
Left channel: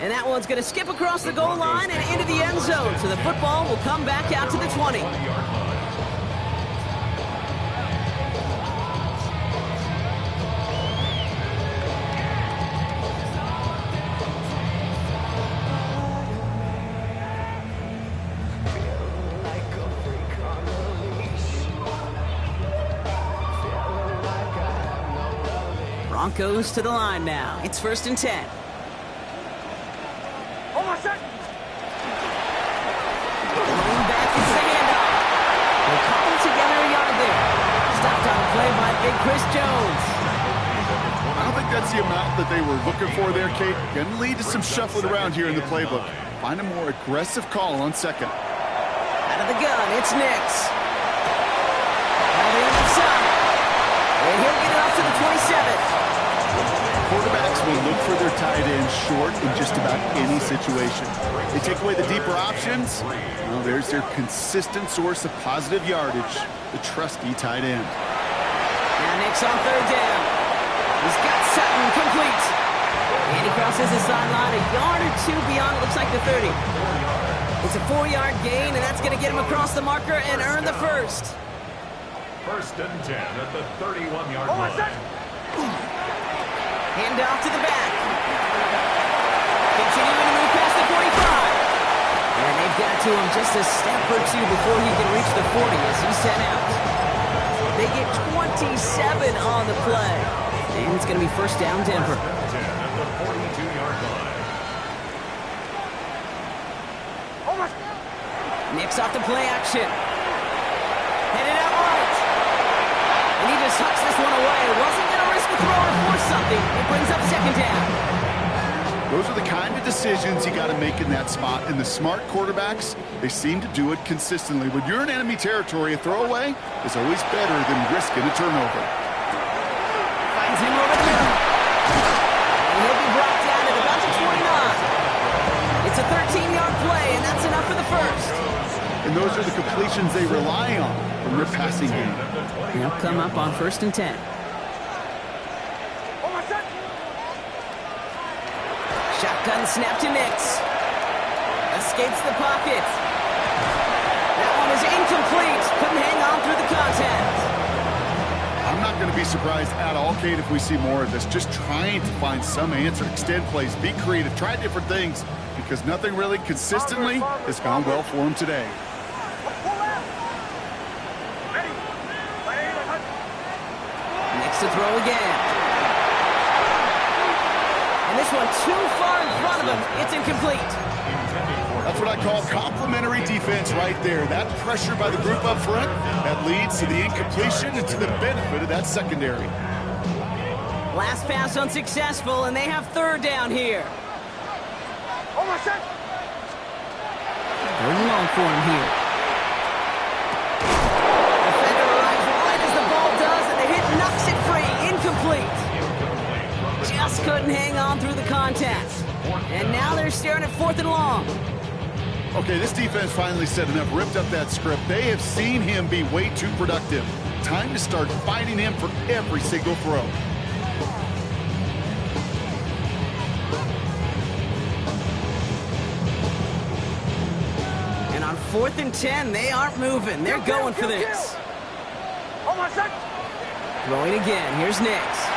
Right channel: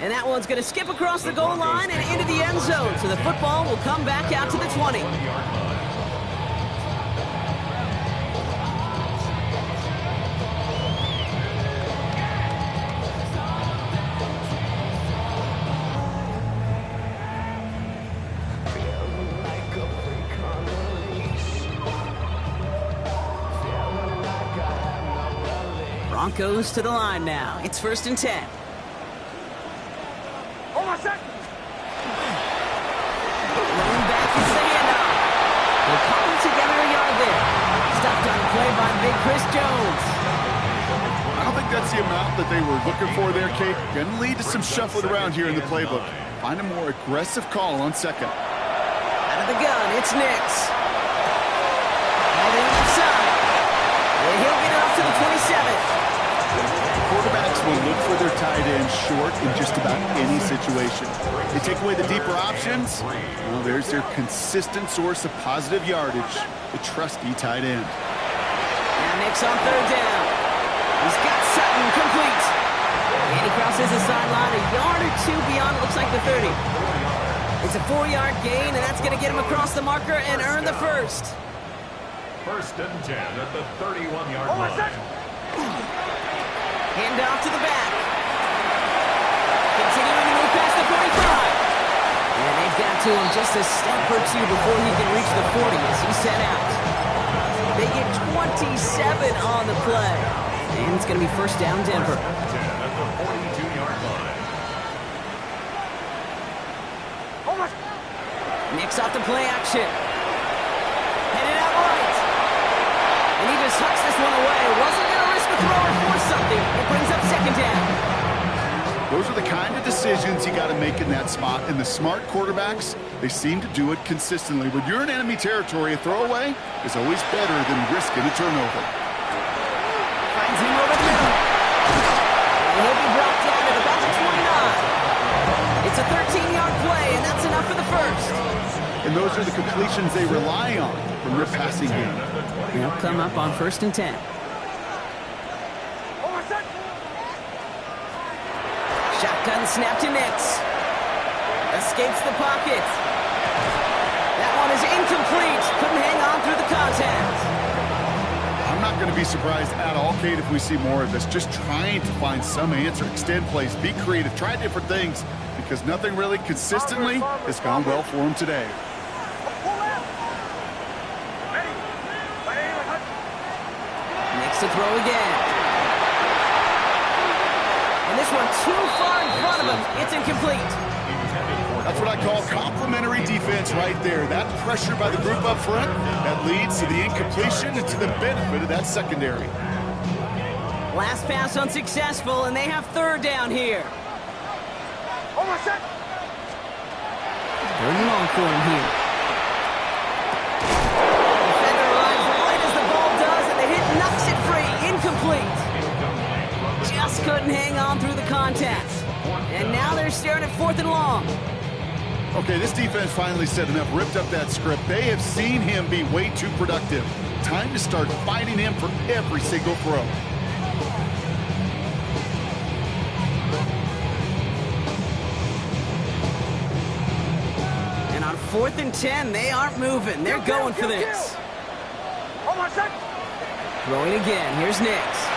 And that one's going to skip across the goal line and into the end zone. So the football will come back out to the 20. Broncos to the line now. It's 1st and 10. Rolling back, it's the handoff. They'll cobble together a yard there. Stopped on the play by big Chris Jones. I don't think that's the amount that they were looking for there, Kate. Going to lead to some shuffling around here in the playbook. Find a more aggressive call on second. Out of the gun, it's Nix. Held in inside. And he'll get it up to the 27. Quarterbacks will look for their tight end short in just about any situation. They take away the deeper options. Well, there's their consistent source of positive yardage, the trusty tight end. Now Nix on 3rd down. He's got Sutton complete. And he crosses the sideline a yard or 2 beyond, it looks like the 30. It's a 4-yard gain, and that's going to get him across the marker and earn the first. 1st and 10 at the 31-yard line. Hand off to the back. Continuing to move past the 45. And they've got to him just a step or 2 before he can reach the 40 as he's sent out. They get 27 on the play. And it's going to be 1st down Denver. 10 at the 42-yard line. Nix off the play action. Headed out right. And he just hucks this one away. Wasn't going to risk a throw or force something. It brings up 2nd down. Those are the kind of decisions you got to make in that spot. And the smart quarterbacks, they seem to do it consistently. When you're in enemy territory, a throwaway is always better than risking a turnover. Finds him over the middle. And he'll be brought down at about the 29. It's a 13-yard play, and that's enough for the first. And those are the completions they rely on from their passing game. They'll come up on 1st and 10. Shotgun snap to Nix. Escapes the pocket. That one is incomplete. Couldn't hang on through the contact. I'm not going to be surprised at all, Kate, if we see more of this. Just trying to find some answer, extend plays, be creative, try different things, because nothing really consistently has gone well for him today. Nix to throw again. And this one too far in front of him. It's incomplete. That's what I call complimentary defense right there. That pressure by the group up front, that leads to the incompletion and to the benefit of that secondary. Last pass unsuccessful, and they have 3rd down here. 3rd and long for him here. Defender arrives right as the ball does, and the hit knocks it free. Incomplete. Just couldn't hang on through the contact. And now they're staring at 4th and long. Okay, this defense finally said enough, ripped up that script. They have seen him be way too productive. Time to start fighting him for every single throw. And on 4th and 10, they aren't moving. They're going for this. Throwing again. Here's Nix.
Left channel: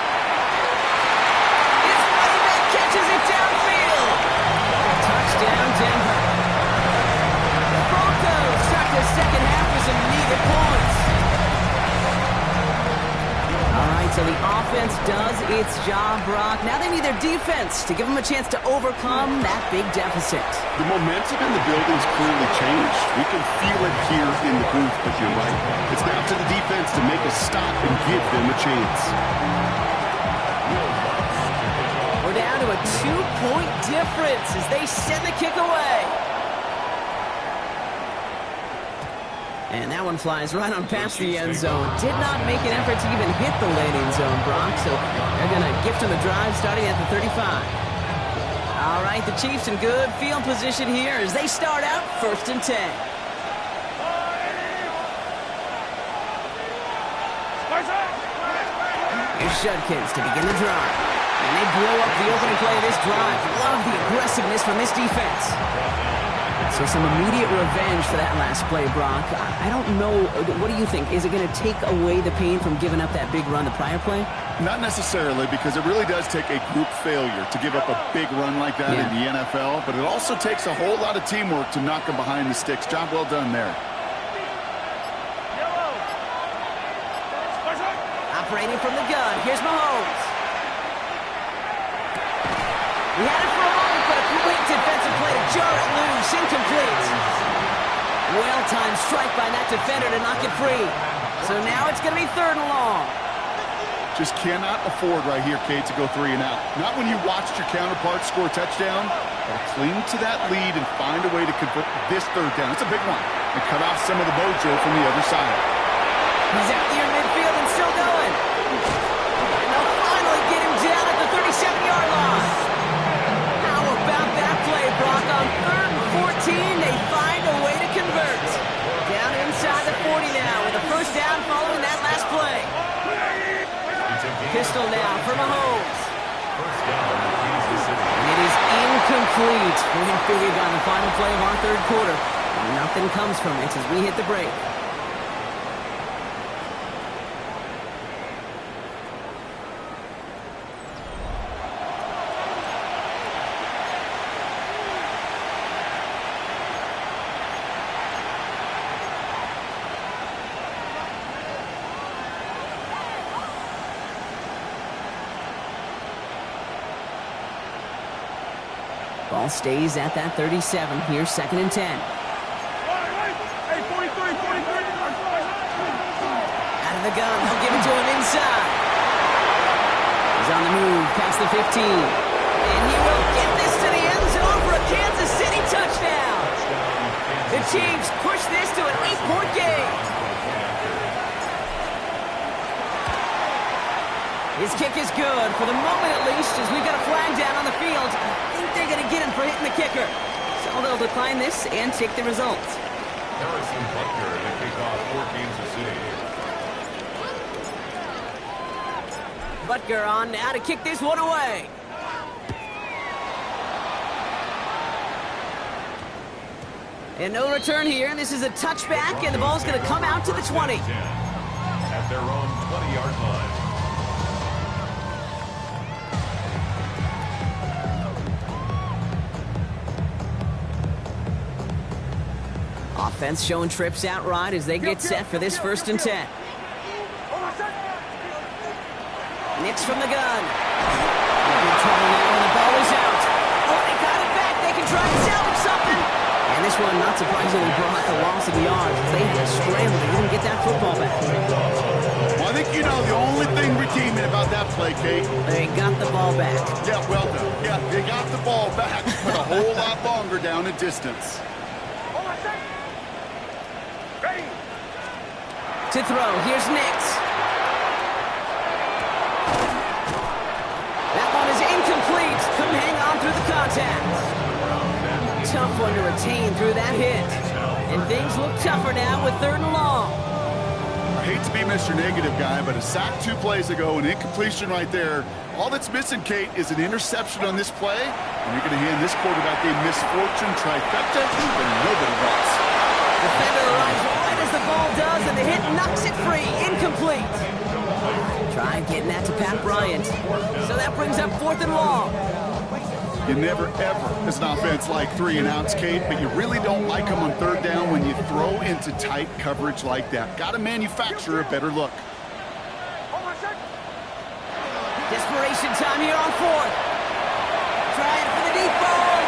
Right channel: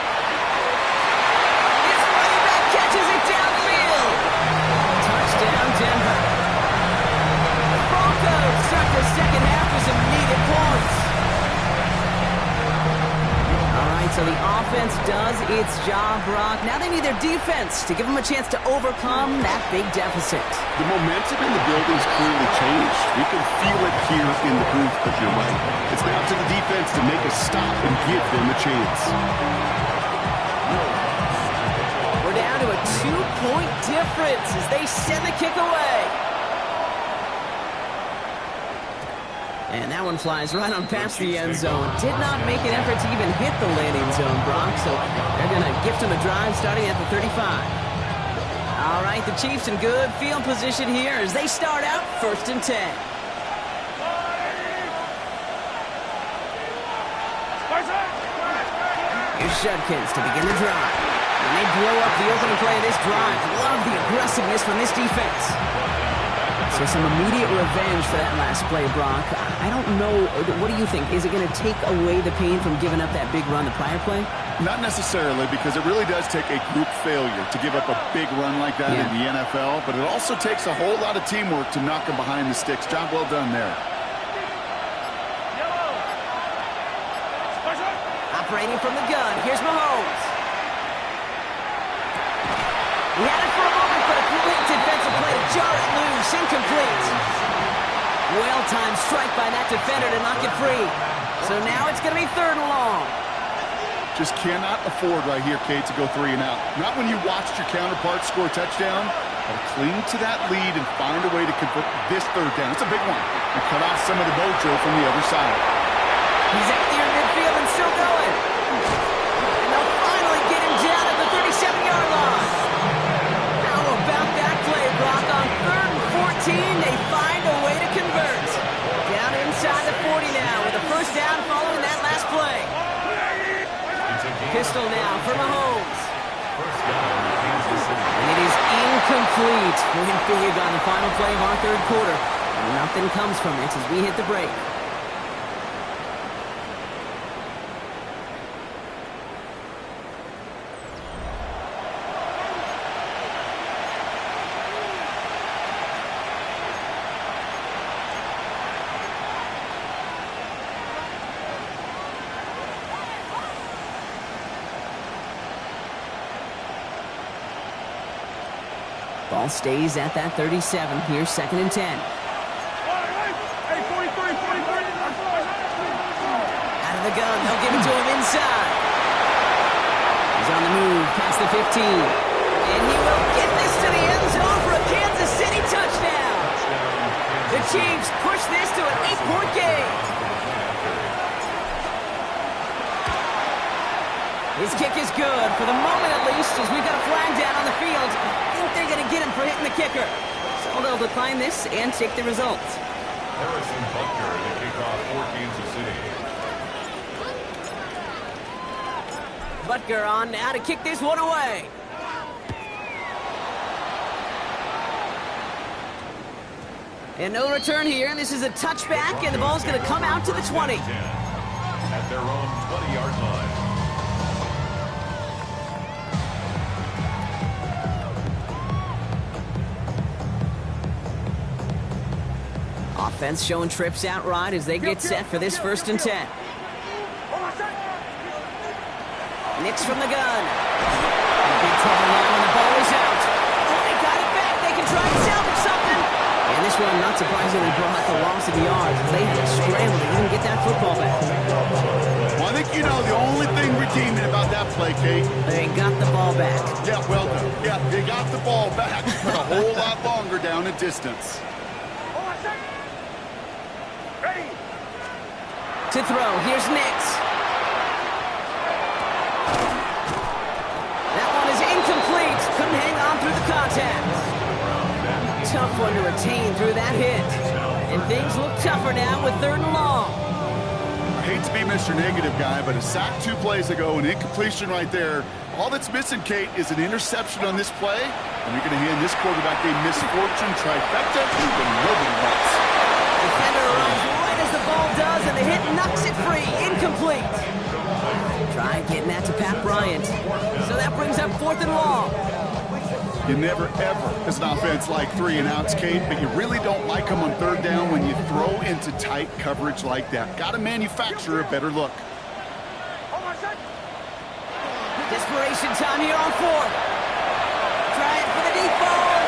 His running back catches it downfield. Touchdown, Denver. The Broncos start the 2nd half with some needed points. All right, So the offense does its job, Brock. Now they need their defense to give them a chance to overcome that big deficit. The momentum in the building's clearly changed. We can feel it here in the booth, but you're right. It's now to the defense to make a stop and give them a chance. We're down to a 2-point difference as they send the kick away. And that one flies right on past the end zone. Did not make an effort to even hit the landing zone, Brock. So they're going to gift him a drive starting at the 35. All right, the Chiefs in good field position here as they start out 1st and 10. Here's Judkins to begin the drive. And they blow up the opening play of this drive. Love the aggressiveness from this defense. So some immediate revenge for that last play, Brock. I don't know. What do you think? Is it going to take away the pain from giving up that big run the prior play? Not necessarily, because it really does take a group failure to give up a big run like that in the NFL. But it also takes a whole lot of teamwork to knock them behind the sticks. Job well done there. Operating from the gun. Here's Mahomes. He had it for a moment, but a great defensive play to jar it loose. Incomplete. Well-timed strike by that defender to knock it free. So now it's going to be 3rd and long. Just cannot afford right here, Kate, to go 3 and out. Not when you watched your counterpart score a touchdown. Got to cling to that lead and find a way to convert this 3rd down. It's a big one. And cut off some of the mojo from the other side. He's out near midfield and still going. And they'll finally get him down at the 37-yard line. About that play, Brock. On 3rd and 14, they find a way to convert. Down inside the 40 now with a 1st down following that last play. Pistol now for Mahomes. And it is incomplete. William Figig on the final play of our 3rd quarter. Nothing comes from it as we hit the break. Ball stays at that 37. Here's 2nd and 10. Hey, 43. Out of the gun. They'll give it to him inside. He's on the move past the 15. And he will get this to the end zone for a Kansas City touchdown. The Chiefs push this to an 8-point game. His kick is good, for the moment at least, as we've got a flag down on the field. I think they're going to get him for hitting the kicker. So they'll decline this and take the result. Harrison Butker to kick off for Kansas City. Butker on now to kick this one away. And no return here, and this is a touchback, and the ball's going to come out to the 20. At their own 20-yard line. Offense showing trips out right as they get set for this 1st and 10. Nix from the gun. In big trouble now, and the ball is out. Oh, they got it back. They can try and salvage something. And this one, not surprisingly, brought the loss of yards. They had to scramble to even get that football back. Well, I think you know the only thing redeeming about that play, Kate. They got the ball back. Yeah, well done. Yeah, they got the ball back, but a whole lot longer down in distance. Ready. To throw, here's Nix. That one is incomplete. Couldn't hang on through the contact. Tough one to retain through that hit. And things look tougher now with 3rd and long. I hate to be Mr. Negative guy, but a sack 2 plays ago, an incompletion right there. All that's missing, Kate, is an interception on this play, and you're going to hand this quarterback a misfortune trifecta that nobody wants. Defender arrives right as the ball does, and the hit knocks it free. Incomplete. Try getting that to Pat Bryant. So that brings up 4th and long. You never, ever, as an offense, like 3 and outs, Kate, but you really don't like them on 3rd down when you throw into tight coverage like that. Got to manufacture a better look. Desperation time here on fourth. Trying for the deep ball.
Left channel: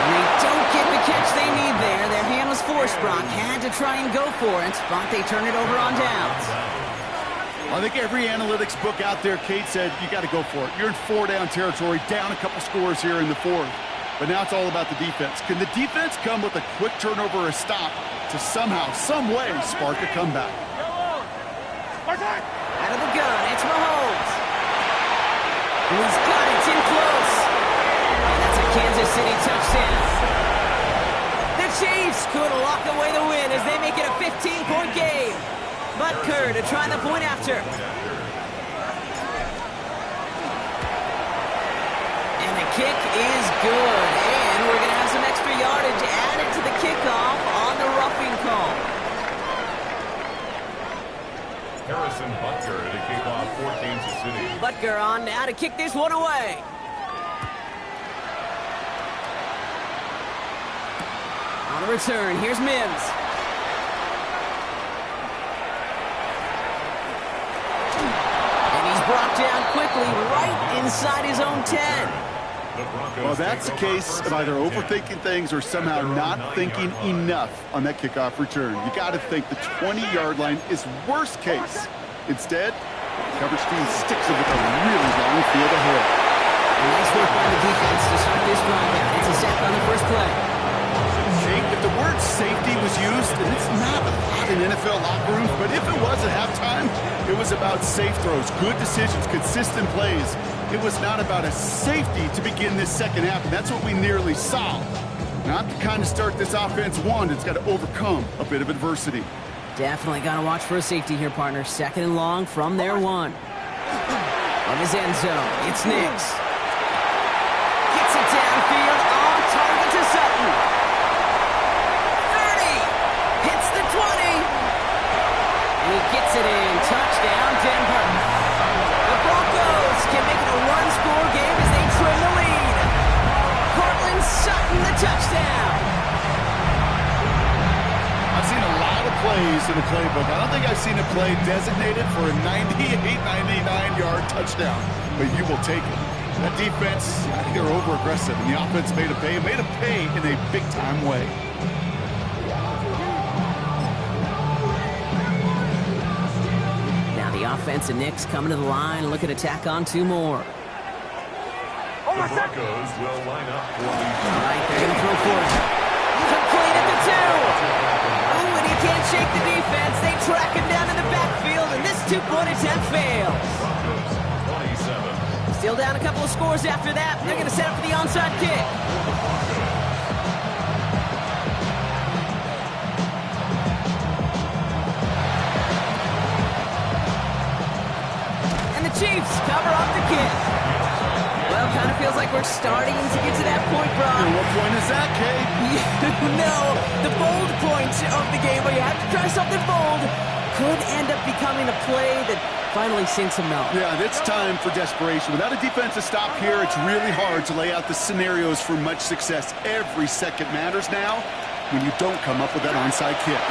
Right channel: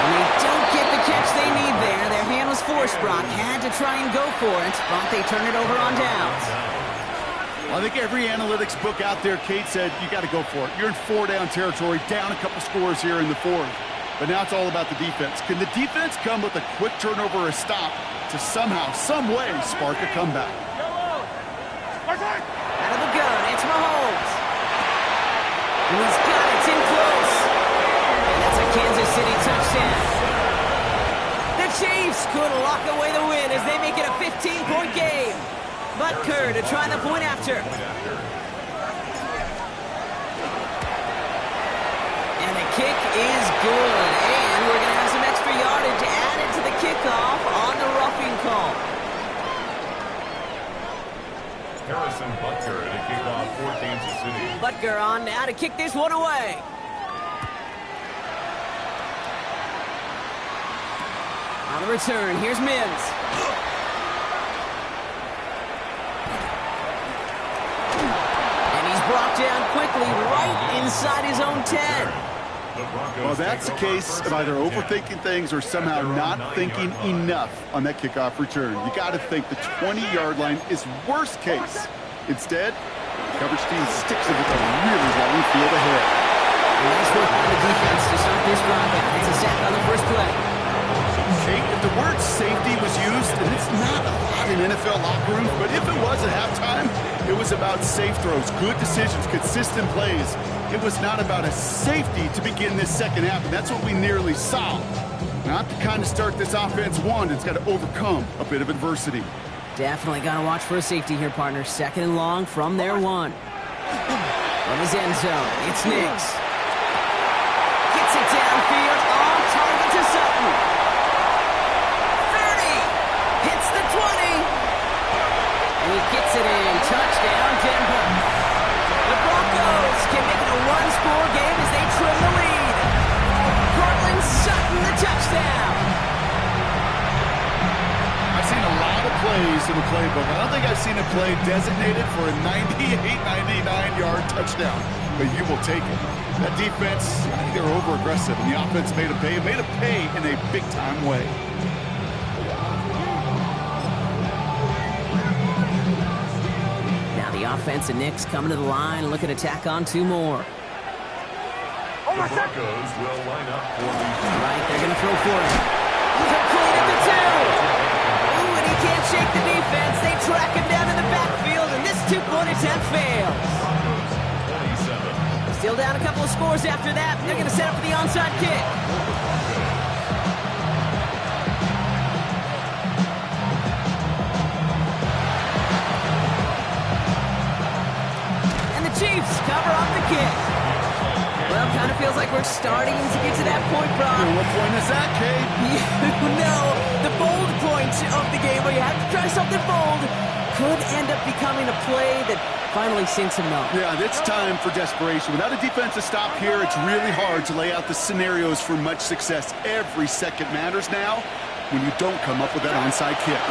And they don't get the catch they need there. Their hand was forced, Brock. Had to try and go for it, but they turn it over on downs. I think every analytics book out there, Kate, said you got to go for it. You're in 4-down territory, down a couple scores here in the fourth. But now it's all about the defense. Can the defense come with a quick turnover or a stop to somehow, some way, spark a comeback? Out of the gun, it's Mahomes. And he's got it, it's in close. And that's a Kansas City touchdown. The Chiefs could lock away the win as they make it a 15-point game. Butker to try the point after. And the kick is good. And we're going to have some extra yardage added to the kickoff on the roughing call. Harrison Butker to kick off for Kansas City. Butker on now to kick this one away. On the return, here's Mims. And he's brought down quickly right inside his own 10. Well, that's the case of either overthinking things or somehow not thinking enough on that kickoff return. You got to think the 20-yard line is worst case. Instead, the coverage team sticks it with a really long field ahead. Nice work by the defense to start this drive out. It's a sack on the first play. Kate, if the word safety was used, and it's not a lot in NFL locker rooms, but if it was at halftime, it was about safe throws, good decisions, consistent plays. It was not about a safety to begin this second half, and that's what we nearly saw. Not the kind of start this offense wanted. It's got to overcome a bit of adversity. Definitely got to watch for a safety here, partner. Second and long from their one. From his end zone, it's Nix. Gets it downfield, on target to Sutton. 30, hits the 20. And he gets it in. Touchdown, Denver. The Broncos can make it a one-score game as they trim the lead. Cortland Sutton, the touchdown. I've seen a lot of plays in the playbook. I don't think I've seen a play designated for a 98, 99-yard touchdown, but you will take it. That defense, I think they were over-aggressive, and the offense made a pay in a big-time way. Now the offense and Knicks coming to the line, looking to tack on two more. The Broncos will line up for the... Right, they're going to throw for it. Complete at the 2. Ooh, and he can't shake the defense. They track him down in the backfield, and this two-point attempt fails. Broncos 27. Still down a couple of scores after that. They're going to set up for the onside kick. And the Chiefs cover up the kick. Well, kind of feels like we're starting to get to that point, Brock. And what point is that, Kate? You know, the bold point of the game where you have to try something bold could end up becoming a play that finally sinks him out. Yeah, it's time for desperation. Without a defensive stop here, it's really hard to lay out the scenarios for much success. Every second matters now when you don't come up with that onside kick.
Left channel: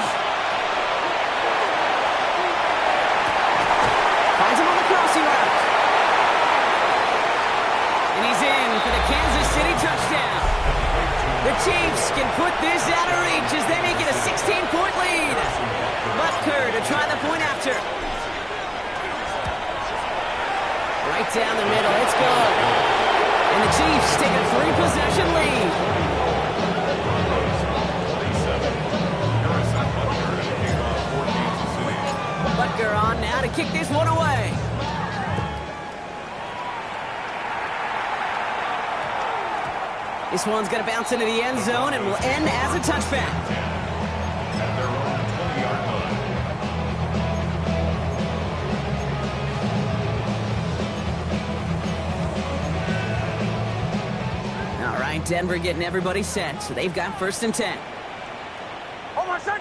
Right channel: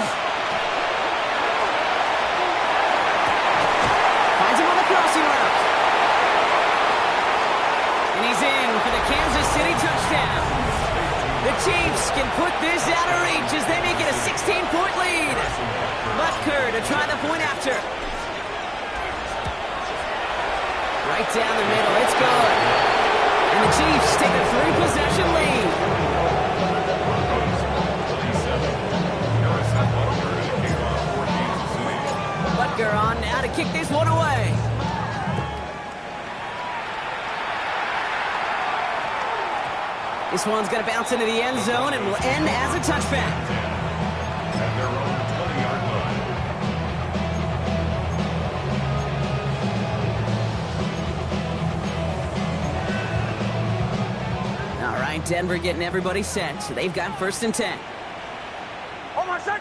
Finds him on the crossing route. And he's in for the Kansas City touchdown. The Chiefs can put this out of reach as they make it a 16-point lead. Butker to try the point after. Right down the middle, it's good. And the Chiefs take a 3-possession lead. Butker on now to kick this one away. This one's going to bounce into the end zone and will end as a touchback. At their own 20-yard line. All right, Denver getting everybody set. So they've got 1st and 10. Oh, my son.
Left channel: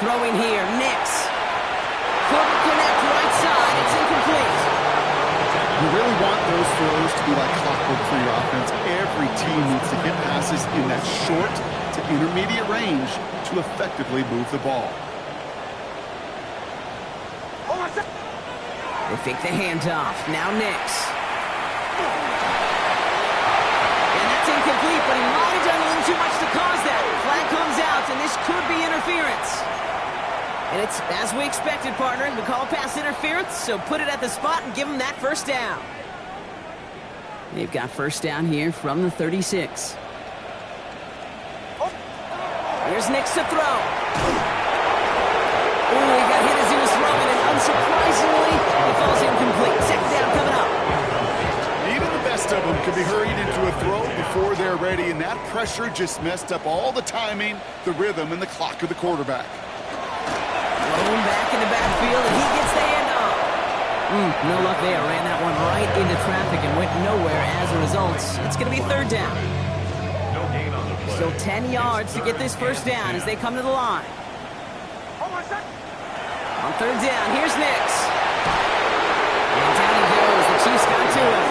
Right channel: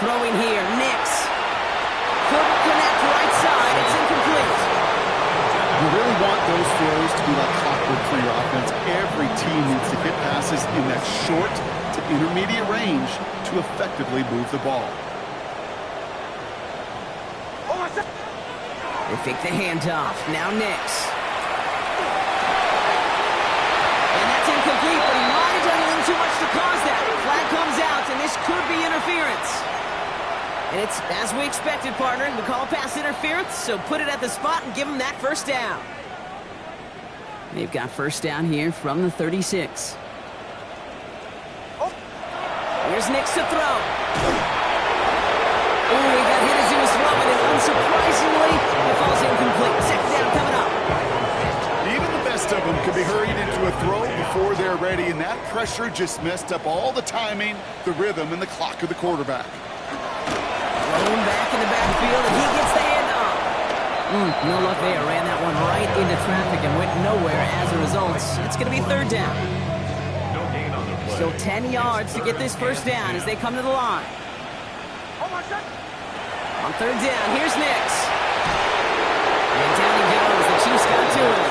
Throwing here, Nix. Couldn't connect right side. It's incomplete. You really want those throws to be like clockwork for your offense. Every team needs to hit passes in that short to intermediate range to effectively move the ball. They fake the handoff. Now Nix. And that's incomplete, but he might have done a little too much to cause that. Flag comes out, and this could be interference. And it's as we expected, partner. We call a pass interference, so put it at the spot and give them that first down. They've got first down here from the 36. Here's Nix to throw. Ooh, he got hit as he was throwing, and unsurprisingly, it falls incomplete. Second down coming up. Even the best of them can be hurried into a throw before they're ready, and that pressure just messed up all the timing, the rhythm, and the clock of the quarterback. Thrown back in the backfield, and he gets the handoff. No luck there. Ran that one right into traffic and went nowhere as a result. It's going to be third down. No gain on the play. So 10 yards to get this first down as they come to the line. On third down, here's Nix. And down he goes. The Chiefs got to him.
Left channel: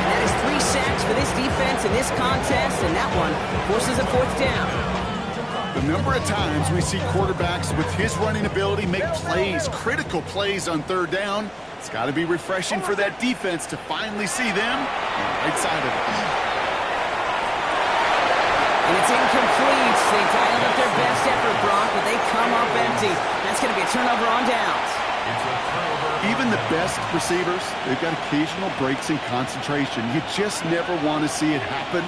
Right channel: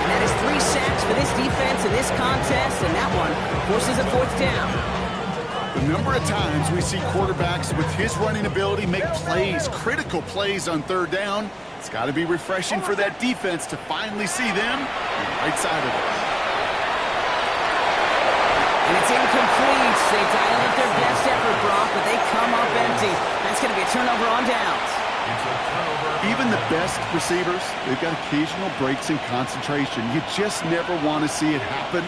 And that is 3 sacks for this defense in this contest, and that one forces a fourth down. The number of times we see quarterbacks with his running ability make plays, critical plays on third down, it's got to be refreshing for that defense to finally see them on the right side of it. And it's incomplete. They dialed up their best effort, Brock, but they come up empty. That's going to be a turnover on downs. It's a turnover. Even the best receivers, they've got occasional breaks in concentration. You just never want to see it happen.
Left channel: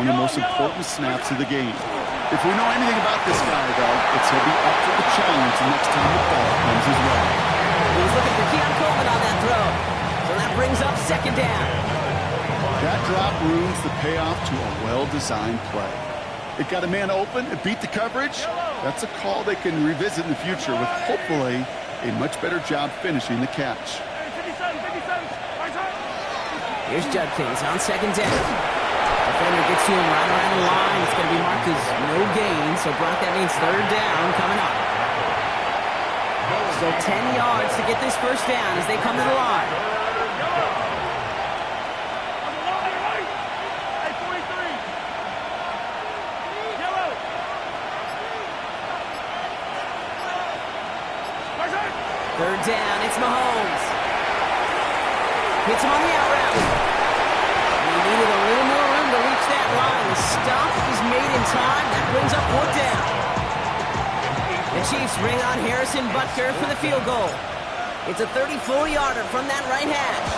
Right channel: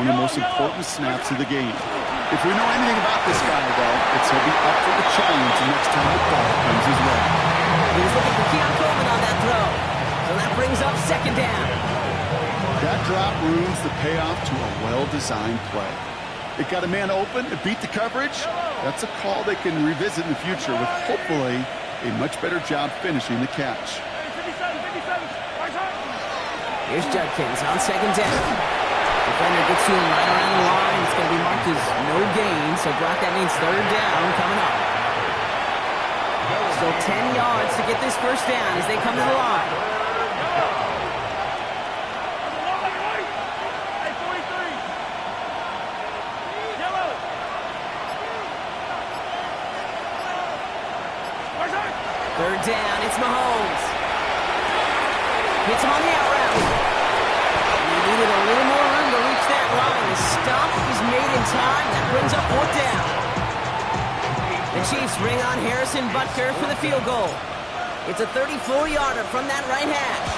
One of the most important snaps of the game. If we know anything about this guy, though, it's he'll be up for the challenge the next time the ball comes his way. He was looking for Keon Coleman on that throw. So that brings up second down. That drop ruins the payoff to a well-designed play. It got a man open, it beat the coverage. That's a call they can revisit in the future with hopefully a much better job finishing the catch. Here's Judkins on second down. Defender gets to him right around the line. It's going to be marked as no gain. So, Brock, that means third down coming up. So 10 yards to get this first down as they come to the line. Third down, it's Mahomes. Hits him on the out route. He needed a little more room to reach that line. The stop is made in time. That brings up fourth down. The Chiefs bring on Harrison Butker for the field goal. It's a 34-yarder from that right hash.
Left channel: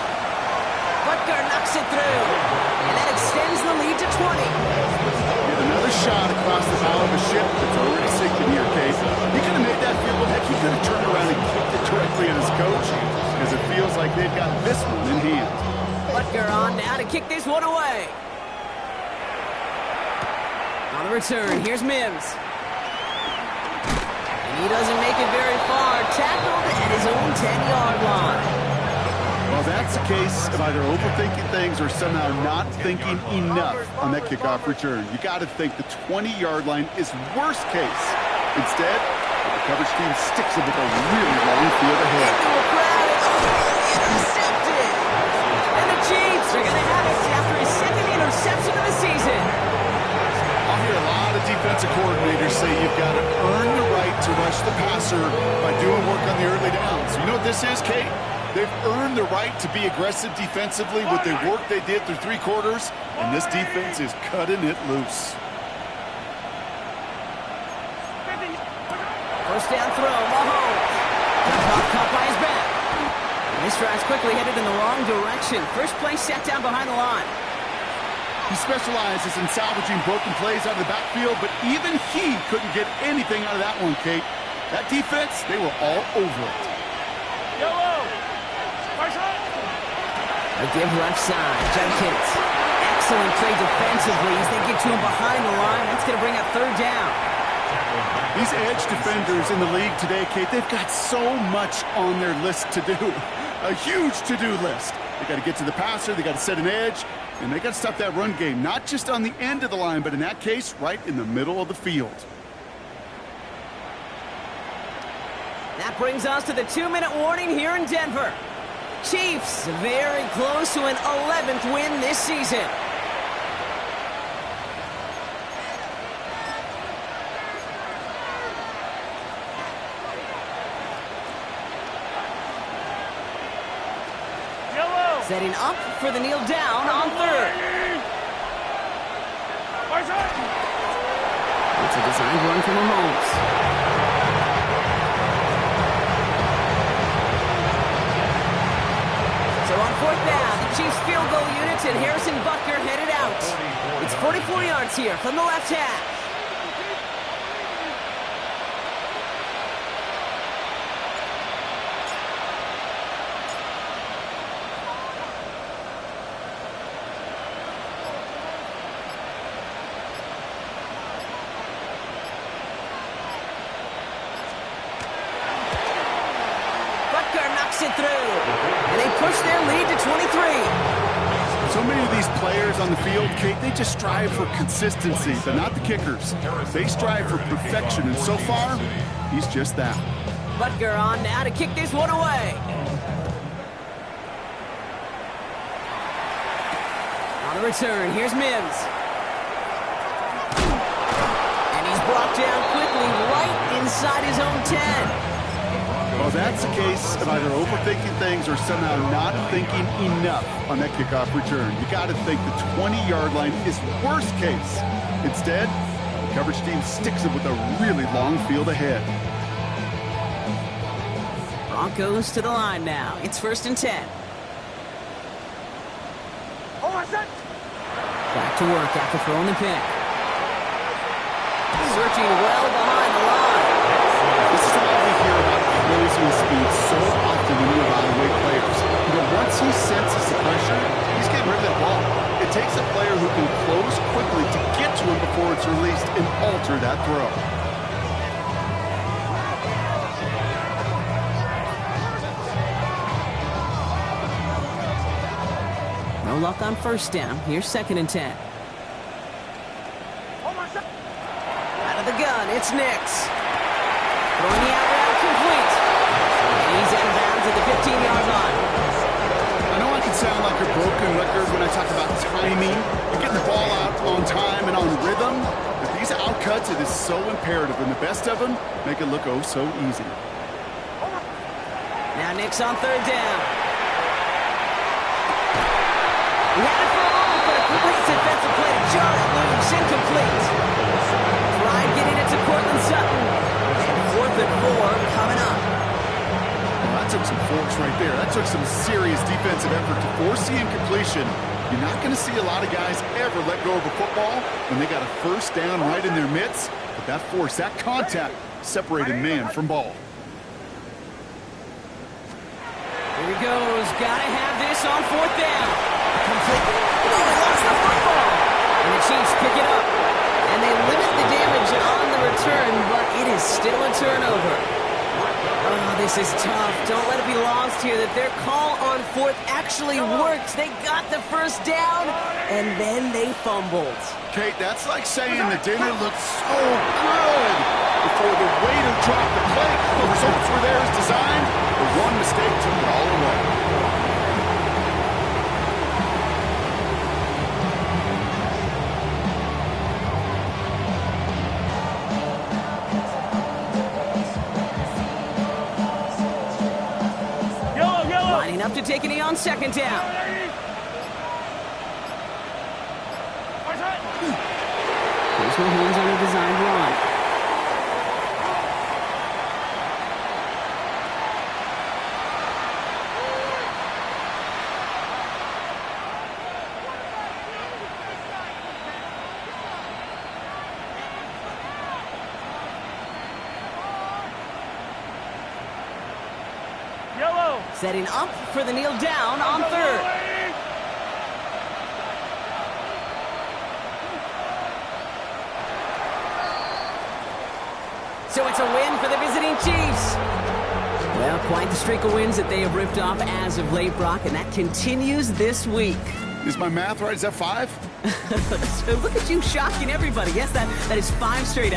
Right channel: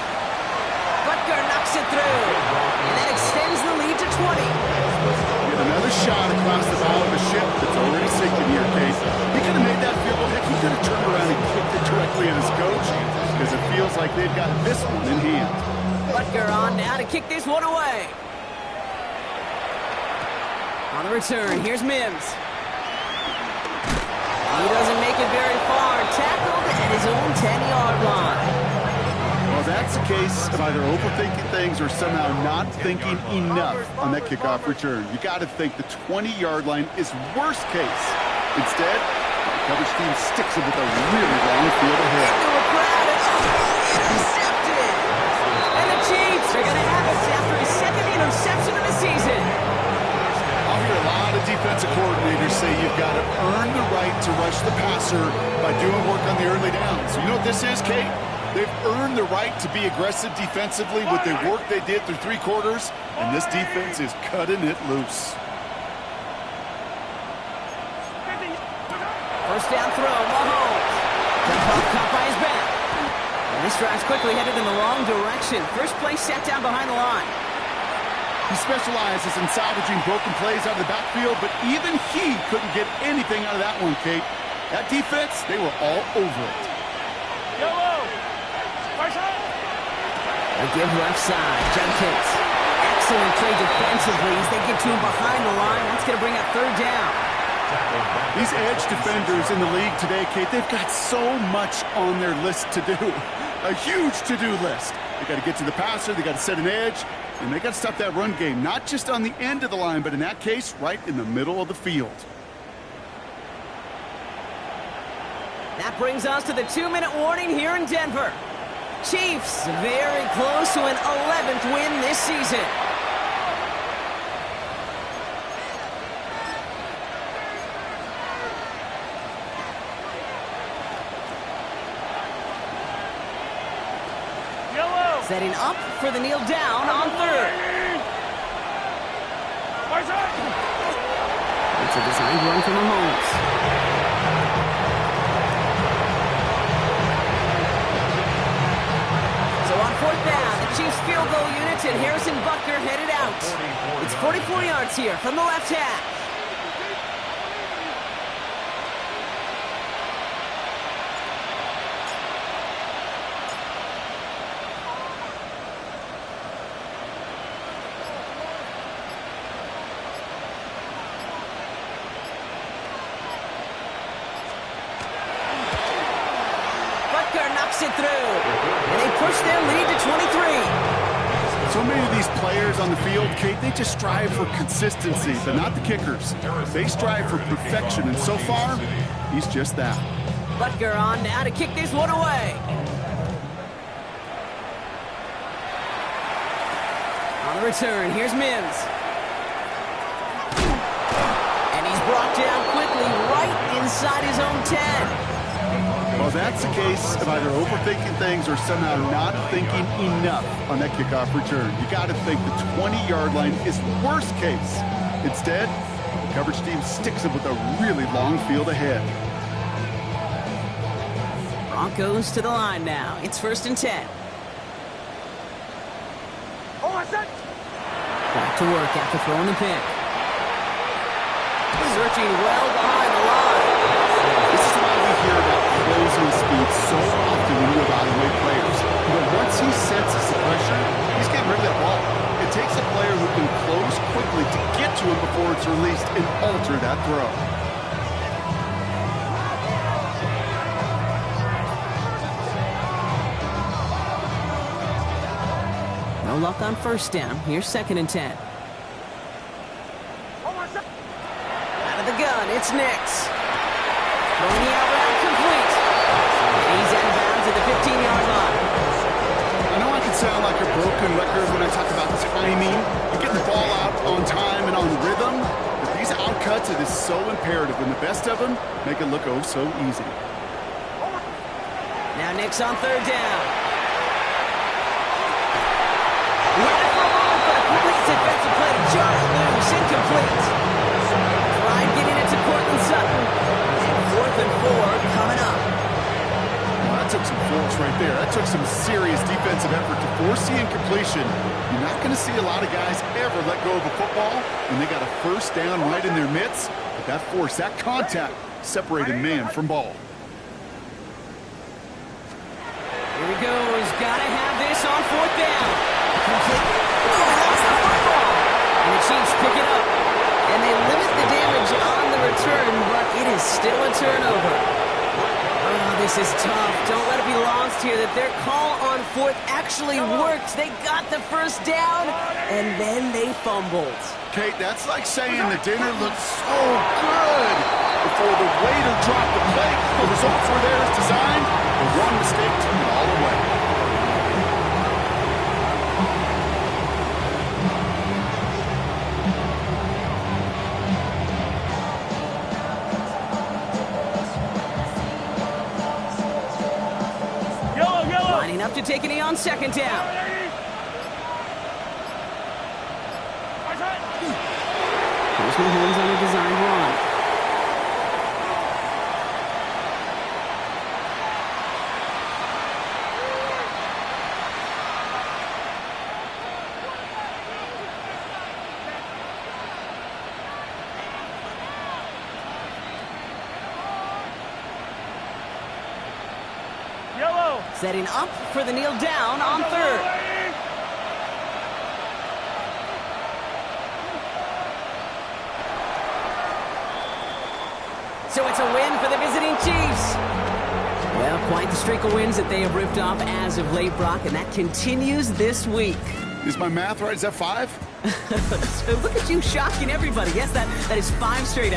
Butker knocks it through, and that extends the lead to 20. Get another shot across the bow of a ship that's already sinking here, Case. He could have made that field goal. Heck, he could have turned around and kicked it directly at his coach because it feels like they've got this one in hand. Butker on now to kick this one away. On the return, here's Mims. And he doesn't make it very far. Tackled at his own 10-yard line. Well, that's a case of either overthinking things or somehow not thinking enough on that kickoff return. You got to think the 20-yard line is worst case. Instead, the coverage team sticks it with a really long field ahead. Into a crowd and intercepted. And the Chiefs are going to have it after his second interception of the season. I'll hear a lot of defensive coordinators say you've got to earn the right to rush the passer by doing work on the early downs. You know what this is, Kate? They've earned the right to be aggressive defensively with the work they did through 3 quarters, and this defense is cutting it loose. First down throw, Mahomes. Caught by his back. And this drive's quickly headed in the wrong direction. First play set down behind the line. He specializes in salvaging broken plays out of the backfield, but even he couldn't get anything out of that one, Kate. That defense, they were all over it. A give left side. Judkins. Excellent play defensively as they get to him behind the line. That's going to bring up third down. These edge defenders in the league today, Kate, they've got so much on their list to do. A huge to-do list. They got to get to the passer, they got to set an edge, and they got to stop that run game, not just on the end of the line, but in that case, right in the middle of the field. That brings us to the 2-minute warning here in Denver. Chiefs very close to an 11th win this season. Setting up for the kneel down on third. It's a designed run from Mahomes. So on fourth down, the Chiefs field goal unit and Harrison Butker headed out. It's 44 yards here from the left half. Knocks it through, and they push their lead to 23. So many of these players on the field, Kate, they just strive for consistency, but not the kickers. They strive for perfection, and so far, he's just that. Butker on now to kick this one away. On the return, here's Mims. And he's brought down quickly right inside his own 10. Well, that's the case of either overthinking things or somehow not thinking enough on that kickoff return. You got to think the 20-yard line is worst case. Instead, the coverage team sticks him with a really long field ahead. Broncos to the line now. It's 1st and 10. Back to work after throwing the pick. Searching well behind the line. This is why we hear about closing speed so often when you evaluate players. Once he senses the pressure, he's getting rid of that ball. It takes a player who can close quickly to get to him before it's released and alter that throw. No luck on first down. Here's 2nd and 10. Out of the gun, it's Nix. Throwing the out route complete. And he's out of bounds at the 15-yard line. I know I can sound like a broken record when I talk about timing and getting the ball out on time and on rhythm, but these outcuts, it is so imperative, and the best of them make it look oh so easy. Now Nix on 3rd down. He had it for a moment, but a complete defensive play to jar it loose. Incomplete. Tried getting it to Cortland Sutton. 4th and 4 coming up. Well, that took some force right there. That took some serious defensive effort to force the incompletion. You're not going to see a lot of guys ever let go of a football when they got a first down right in their midst. But that force, that contact, separated man from ball. Here he goes. Got to have this on 4th down. Complete. Oh, he lost the football. And the Chiefs pick it up. And they limit the damage on the return, but it is still a turnover. Oh, this is tough. Don't let it be lost here that their call on 4th actually worked. They got the first down, and then they fumbled. Kate, that's like saying the dinner looked so good before the waiter dropped the plate. The results were there as designed, but one mistake took it all away. Up to take it on 2nd down. Here's Mahomes on a designed run. Setting up for the kneel down on 3rd. So it's a win for the visiting Chiefs. Well, quite the streak of wins that they have ripped off as of late, Brock, and that continues this week. Is my math right? Is that 5? So look at you shocking everybody. Yes, that is 5 straight